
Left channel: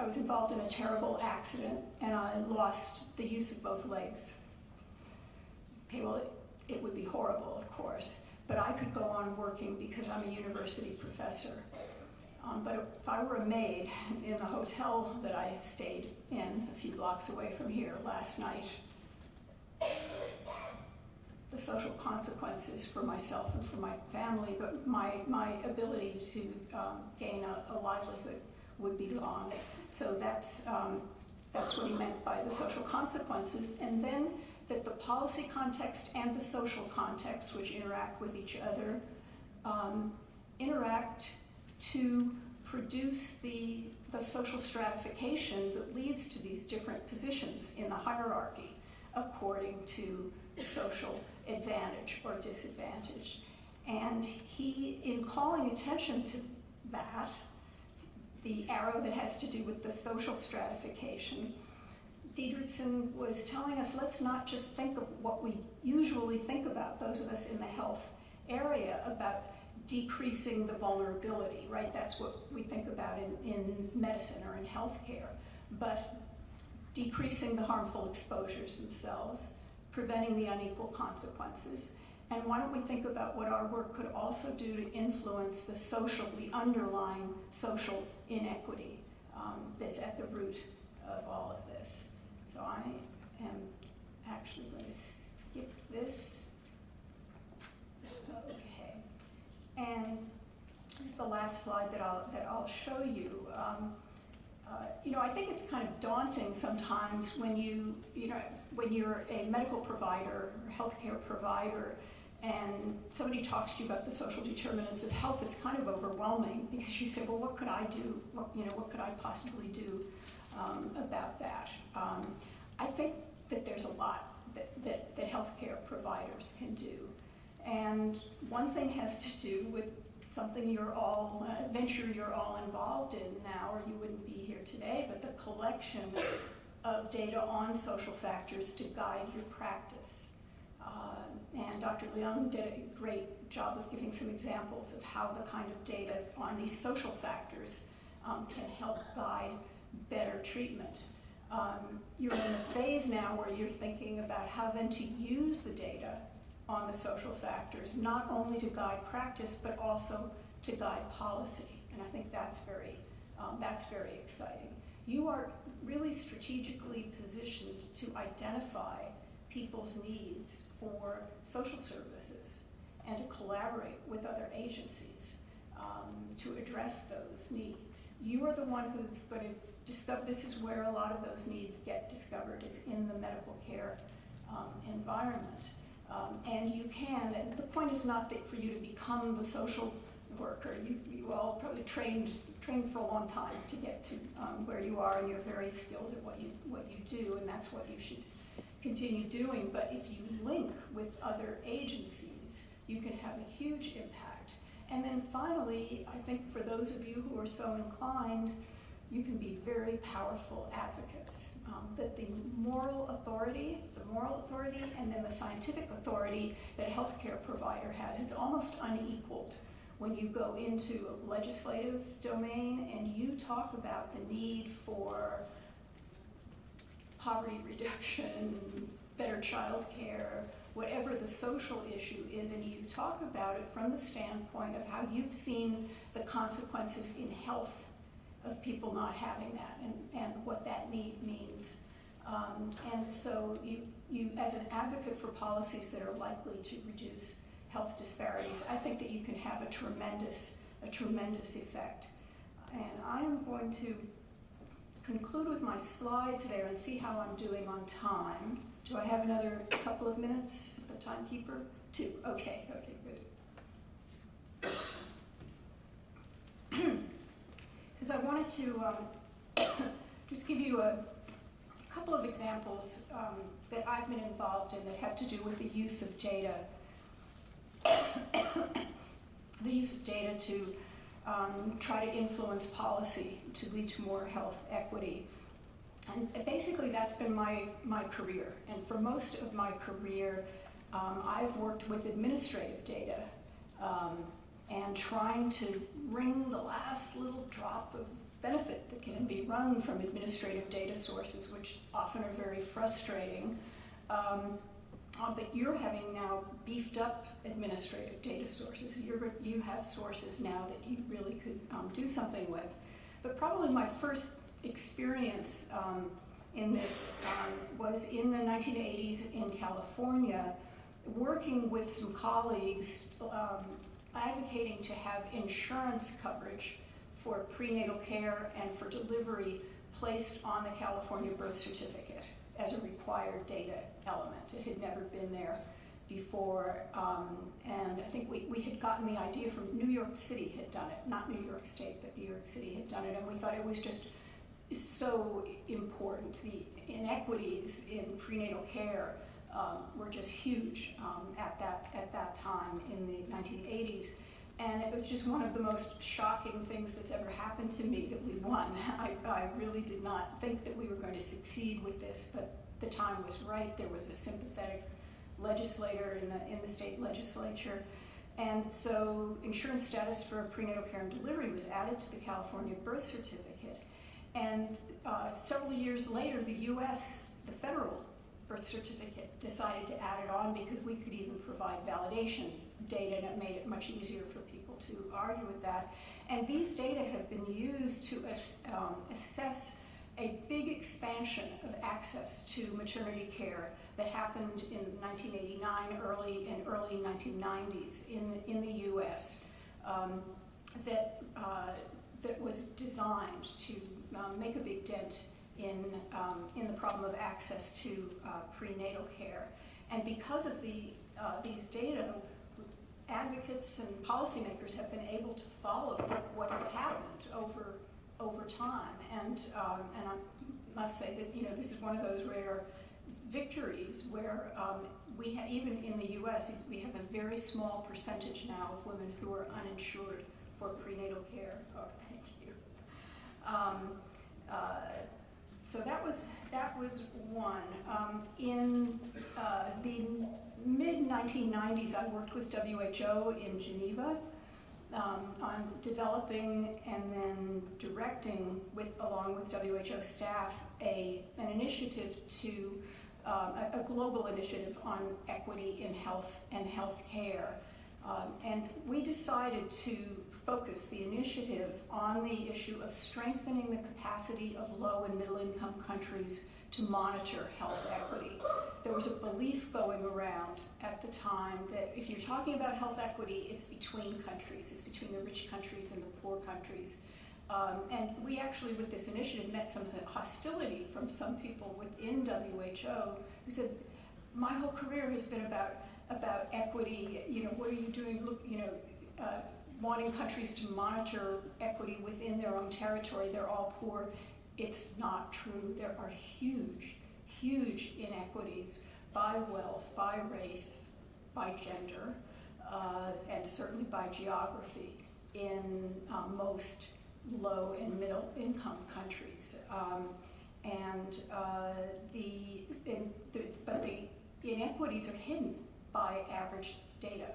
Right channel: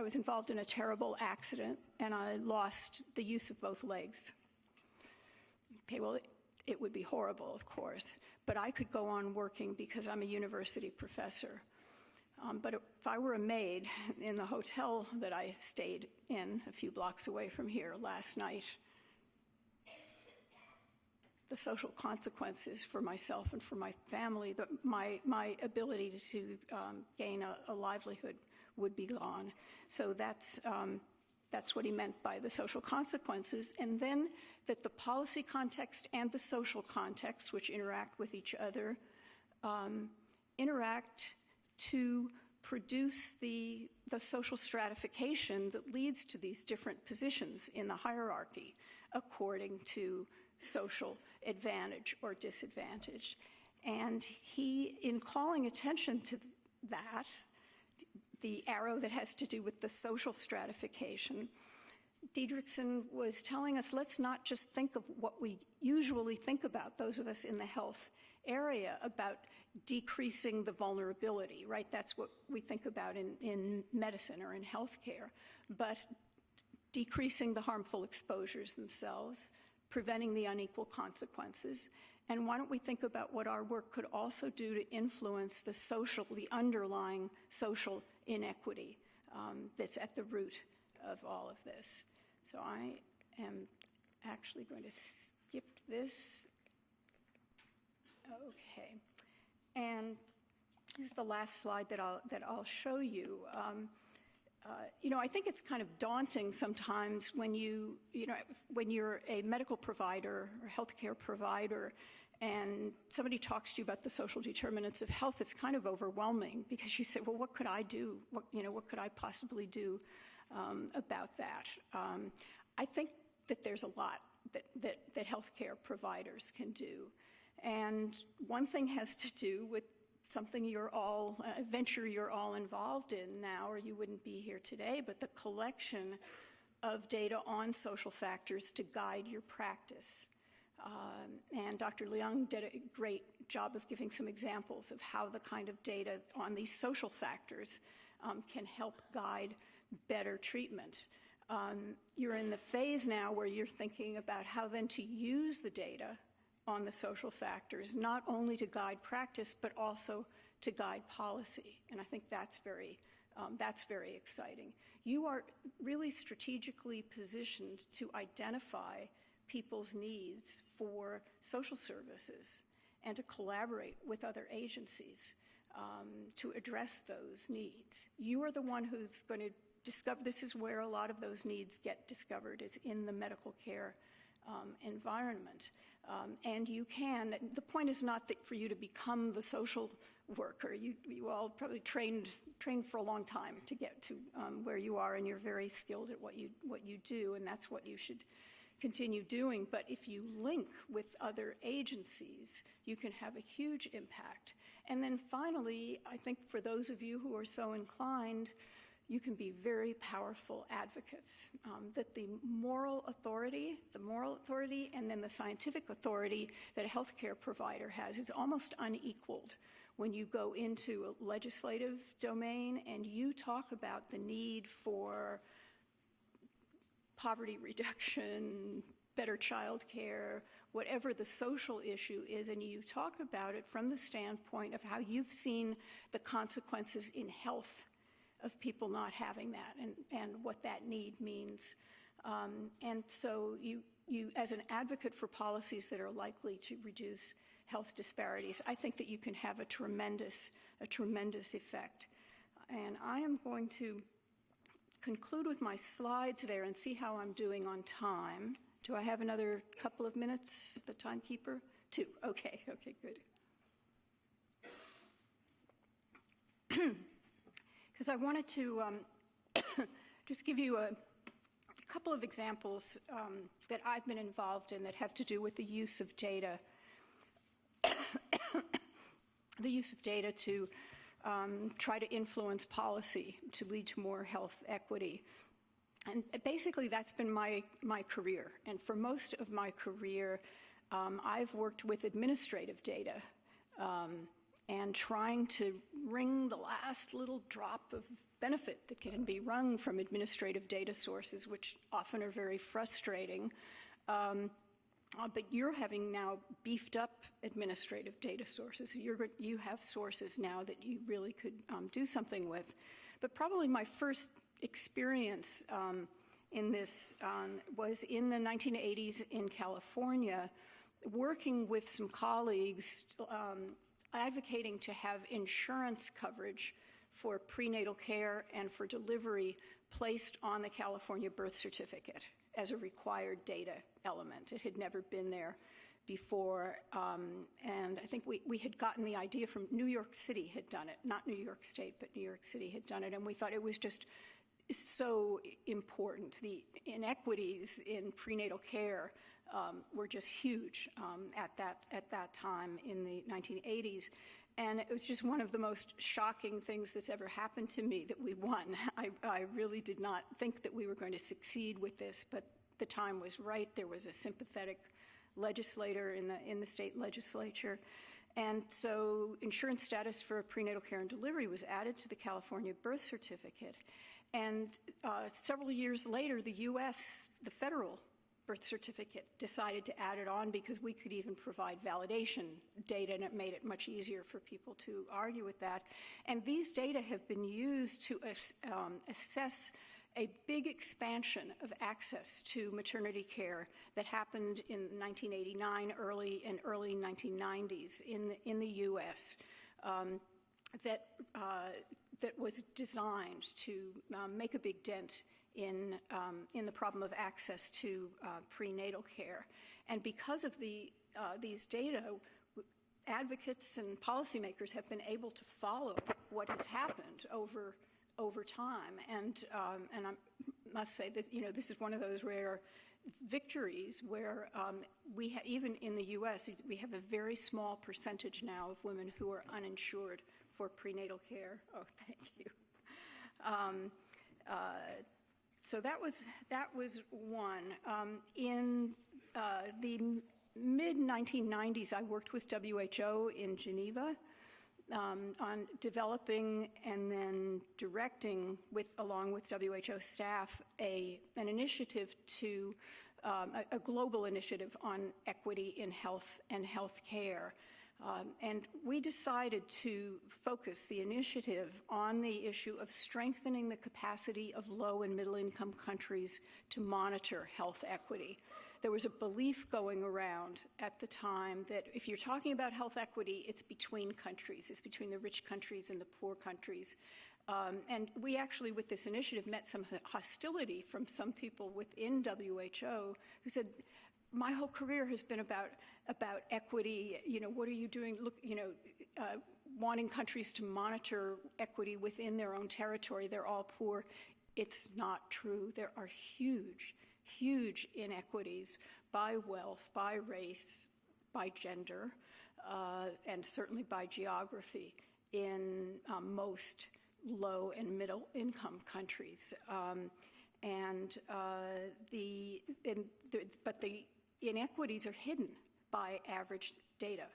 was involved in a terrible accident and I lost the use of both legs. Okay, well, it would be horrible, of course, but I could go on working because I'm a university professor. But if I were a maid in the hotel that I stayed in a few blocks away from here last night, the social consequences for myself and for my family, my ability to gain a livelihood would be gone. So that's what he meant by the social consequences. And then that the policy context and the social context, which interact with each other, interact to produce the social stratification that leads to these different positions in the hierarchy according to social advantage or disadvantage. And he, in calling attention to that, the arrow that has to do with the social stratification, Didrikson was telling us, let's not just think of what we usually think about, those of us in the health area, about decreasing the vulnerability, right? That's what we think about in medicine or in healthcare. But decreasing the harmful exposures themselves, preventing the unequal consequences. And why don't we think about what our work could also do to influence the underlying social inequity that's at the root of all of this. So I am actually going to skip this. Okay. And this is the last slide that I'll show you. I think it's kind of daunting sometimes when you're a medical provider or healthcare provider and somebody talks to you about the social determinants of health. It's kind of overwhelming because you say, well, what could I do? What could I possibly do about that? I think that there's a lot that healthcare providers can do. And one thing has to do with something a venture you're all involved in now, or you wouldn't be here today, but the collection of data on social factors to guide your practice. And Dr. Leung did a great job of giving some examples of how the kind of data on these social factors can help guide better treatment. You're in a phase now where you're thinking about how then to use the data on the social factors, not only to guide practice, but also to guide policy. And I think that's very exciting. You are really strategically positioned to identify people's needs for social services and to collaborate with other agencies to address those needs. You are the one who's going to discover, this is where a lot of those needs get discovered, is in the medical care environment. And you can, and the point is not that for you to become the social worker. You all probably trained for a long time to get to where you are, and you're very skilled at what you do, and that's what you should continue doing. But if you link with other agencies, you can have a huge impact. And then finally, I think for those of you who are so inclined, you can be very powerful advocates. That the moral authority, and then the scientific authority that a healthcare provider has is almost unequaled when you go into a legislative domain and you talk about the need for poverty reduction, better child care, whatever the social issue is, and you talk about it from the standpoint of how you've seen the consequences in health of people not having that and what that need means. And so you, as an advocate for policies that are likely to reduce health disparities, I think that you can have a tremendous effect. And I am going to conclude with my slides there and see how I'm doing on time. Do I have another couple of minutes, the timekeeper? 2, okay, good. Because I wanted to just give you a couple of examples that I've been involved in that have to do with the use of data. The use of data to try to influence policy to lead to more health equity. And basically that's been my career. And for most of my career, I've worked with administrative data and trying to wring the last little drop of benefit that can be wrung from administrative data sources, which often are very frustrating. But you're having now beefed up administrative data sources. You have sources now that you really could do something with. But probably my first experience in this was in the 1980s in California, working with some colleagues advocating to have insurance coverage for prenatal care and for delivery placed on the California birth certificate as a required data element. It had never been there before, and I think we had gotten the idea from New York City had done it, not New York State, but New York City had done it, and we thought it was just so important. The inequities in prenatal care were just huge at that time in the 1980s. And it was just one of the most shocking things that's ever happened to me that we won. I really did not think that we were going to succeed with this, but the time was right. There was a sympathetic legislator in the state legislature. And so insurance status for prenatal care and delivery was added to the California birth certificate. And several years later, the US, the federal birth certificate, decided to add it on because we could even provide validation data, and it made it much easier for people to argue with that. And these data have been used to assess a big expansion of access to maternity care that happened in 1989, early 1990s in the U.S. That was designed to make a big dent in the problem of access to prenatal care. And because of these data, advocates and policymakers have been able to follow what has happened over time. And I must say that this is one of those rare victories where even in the U.S. we have a very small percentage now of women who are uninsured for prenatal care. Oh, thank you. So that was one. In the mid-1990s, I worked with WHO in Geneva on developing and then directing, along with WHO staff, an initiative to a global initiative on equity in health and healthcare. And we decided to focus the initiative on the issue of strengthening the capacity of low and middle income countries to monitor health equity. There was a belief going around at the time that if you're talking about health equity, it's between countries, it's between the rich countries and the poor countries. And we actually, with this initiative, met some hostility from some people within WHO who said, my whole career has been about equity. What are you doing? Look, wanting countries to monitor equity within their own territory. They're all poor. It's not true. There are huge inequities by wealth, by race, by gender, and certainly by geography in most low and middle income countries. But the inequities are hidden by average data.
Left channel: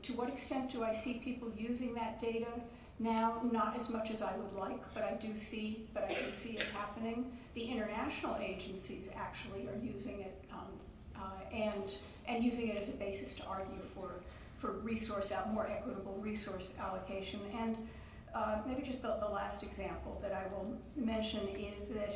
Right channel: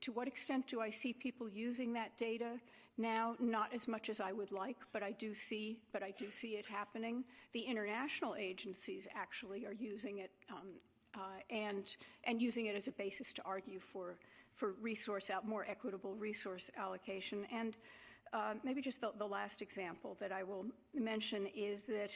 To what extent do I see people using that data now? Not as much as I would like, but I do see it happening. The international agencies actually are using it, and using it as a basis to argue for more equitable resource allocation. And maybe just the last example that I will mention is that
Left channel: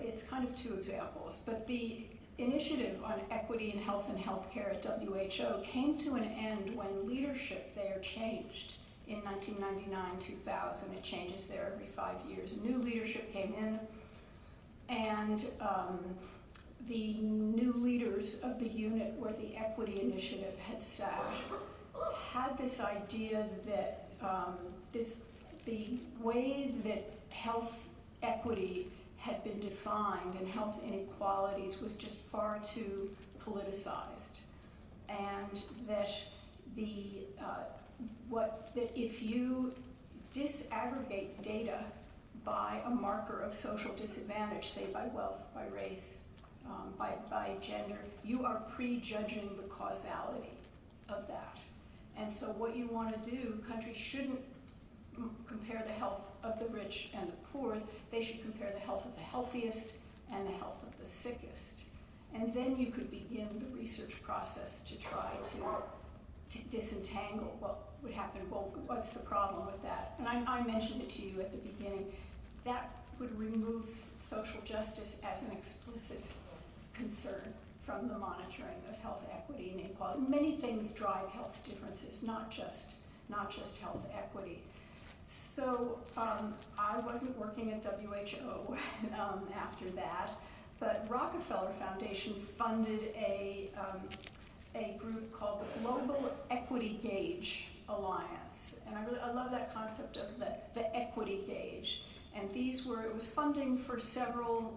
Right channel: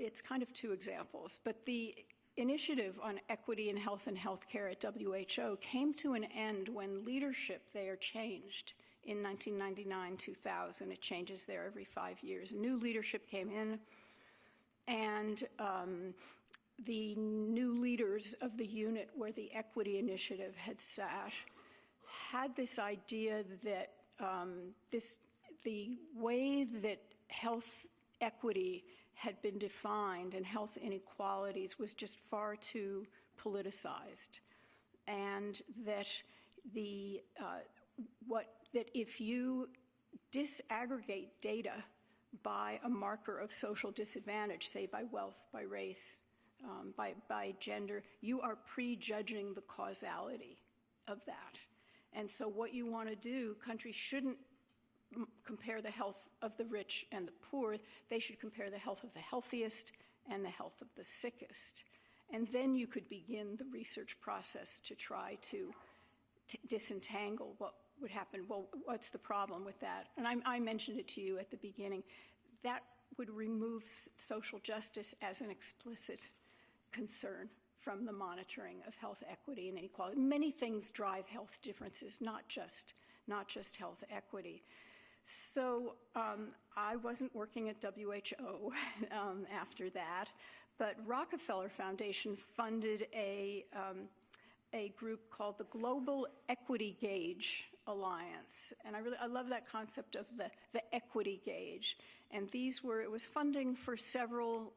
it's kind of two examples, but the initiative on equity in health and healthcare at WHO came to an end when leadership there changed in 1999-2000. It changes there every 5 years. New leadership came in, and the new leaders of the unit where the equity initiative had sat had this idea that the way that health equity had been defined and health inequalities was just far too politicized, and that that if you disaggregate data by a marker of social disadvantage, say by wealth, by race, by gender, you are prejudging the causality of that. And so what you want to do, countries shouldn't compare the health of the rich and the poor. They should compare the health of the healthiest and the health of the sickest. And then you could begin the research process to try to disentangle what would happen. Well, what's the problem with that? And I mentioned it to you at the beginning. That would remove social justice as an explicit concern from the monitoring of health equity and inequality. Many things drive health differences, not just health equity. So I wasn't working at WHO after that, but Rockefeller Foundation funded a group called the Global Equity Gauge Alliance, and I love that concept of the equity gauge. And it was funding for several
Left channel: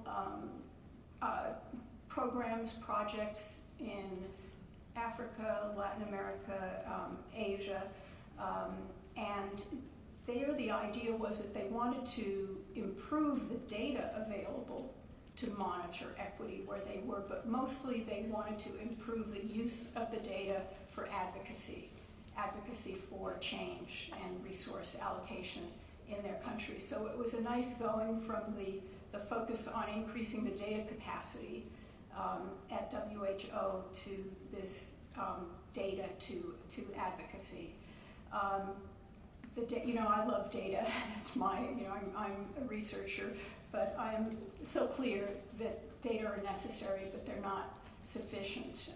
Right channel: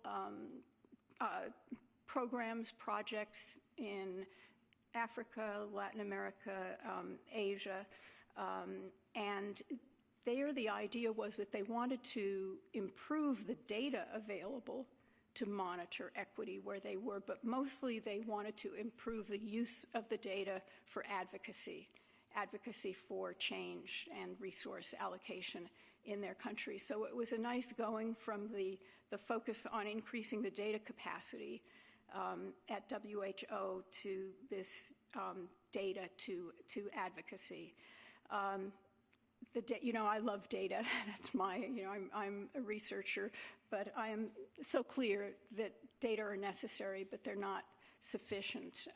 programs, projects in Africa, Latin America, Asia, and there the idea was that they wanted to improve the data available to monitor equity where they were, but mostly they wanted to improve the use of the data for advocacy for change and resource allocation in their country. So it was a nice going from the focus on increasing the data capacity at WHO to this data to advocacy. I love data. That's I'm a researcher, but I am so clear that data are necessary, but they're not sufficient.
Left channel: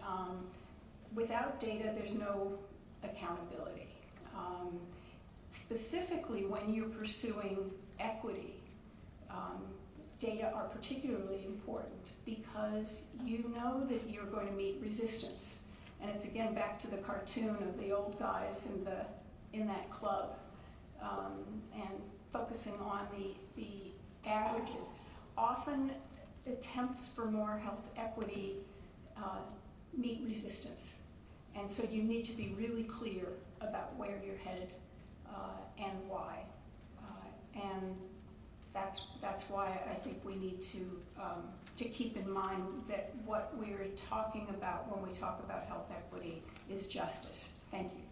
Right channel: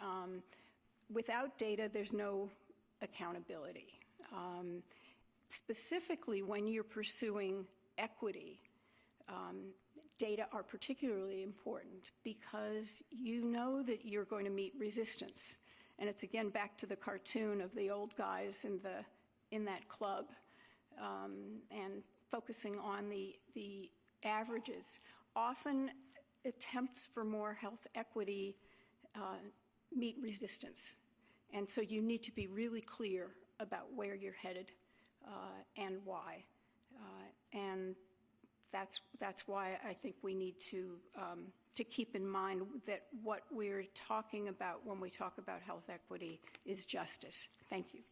Without data, there's no accountability. Specifically, when you're pursuing equity, data are particularly important because you know that you're going to meet resistance. And it's again back to the cartoon of the old guys in that club, and focusing on the averages. Often attempts for more health equity meet resistance. And so you need to be really clear about where you're headed and why. and that's why I think we need to keep in mind that what we're talking about when we talk about health equity is justice. Thank you.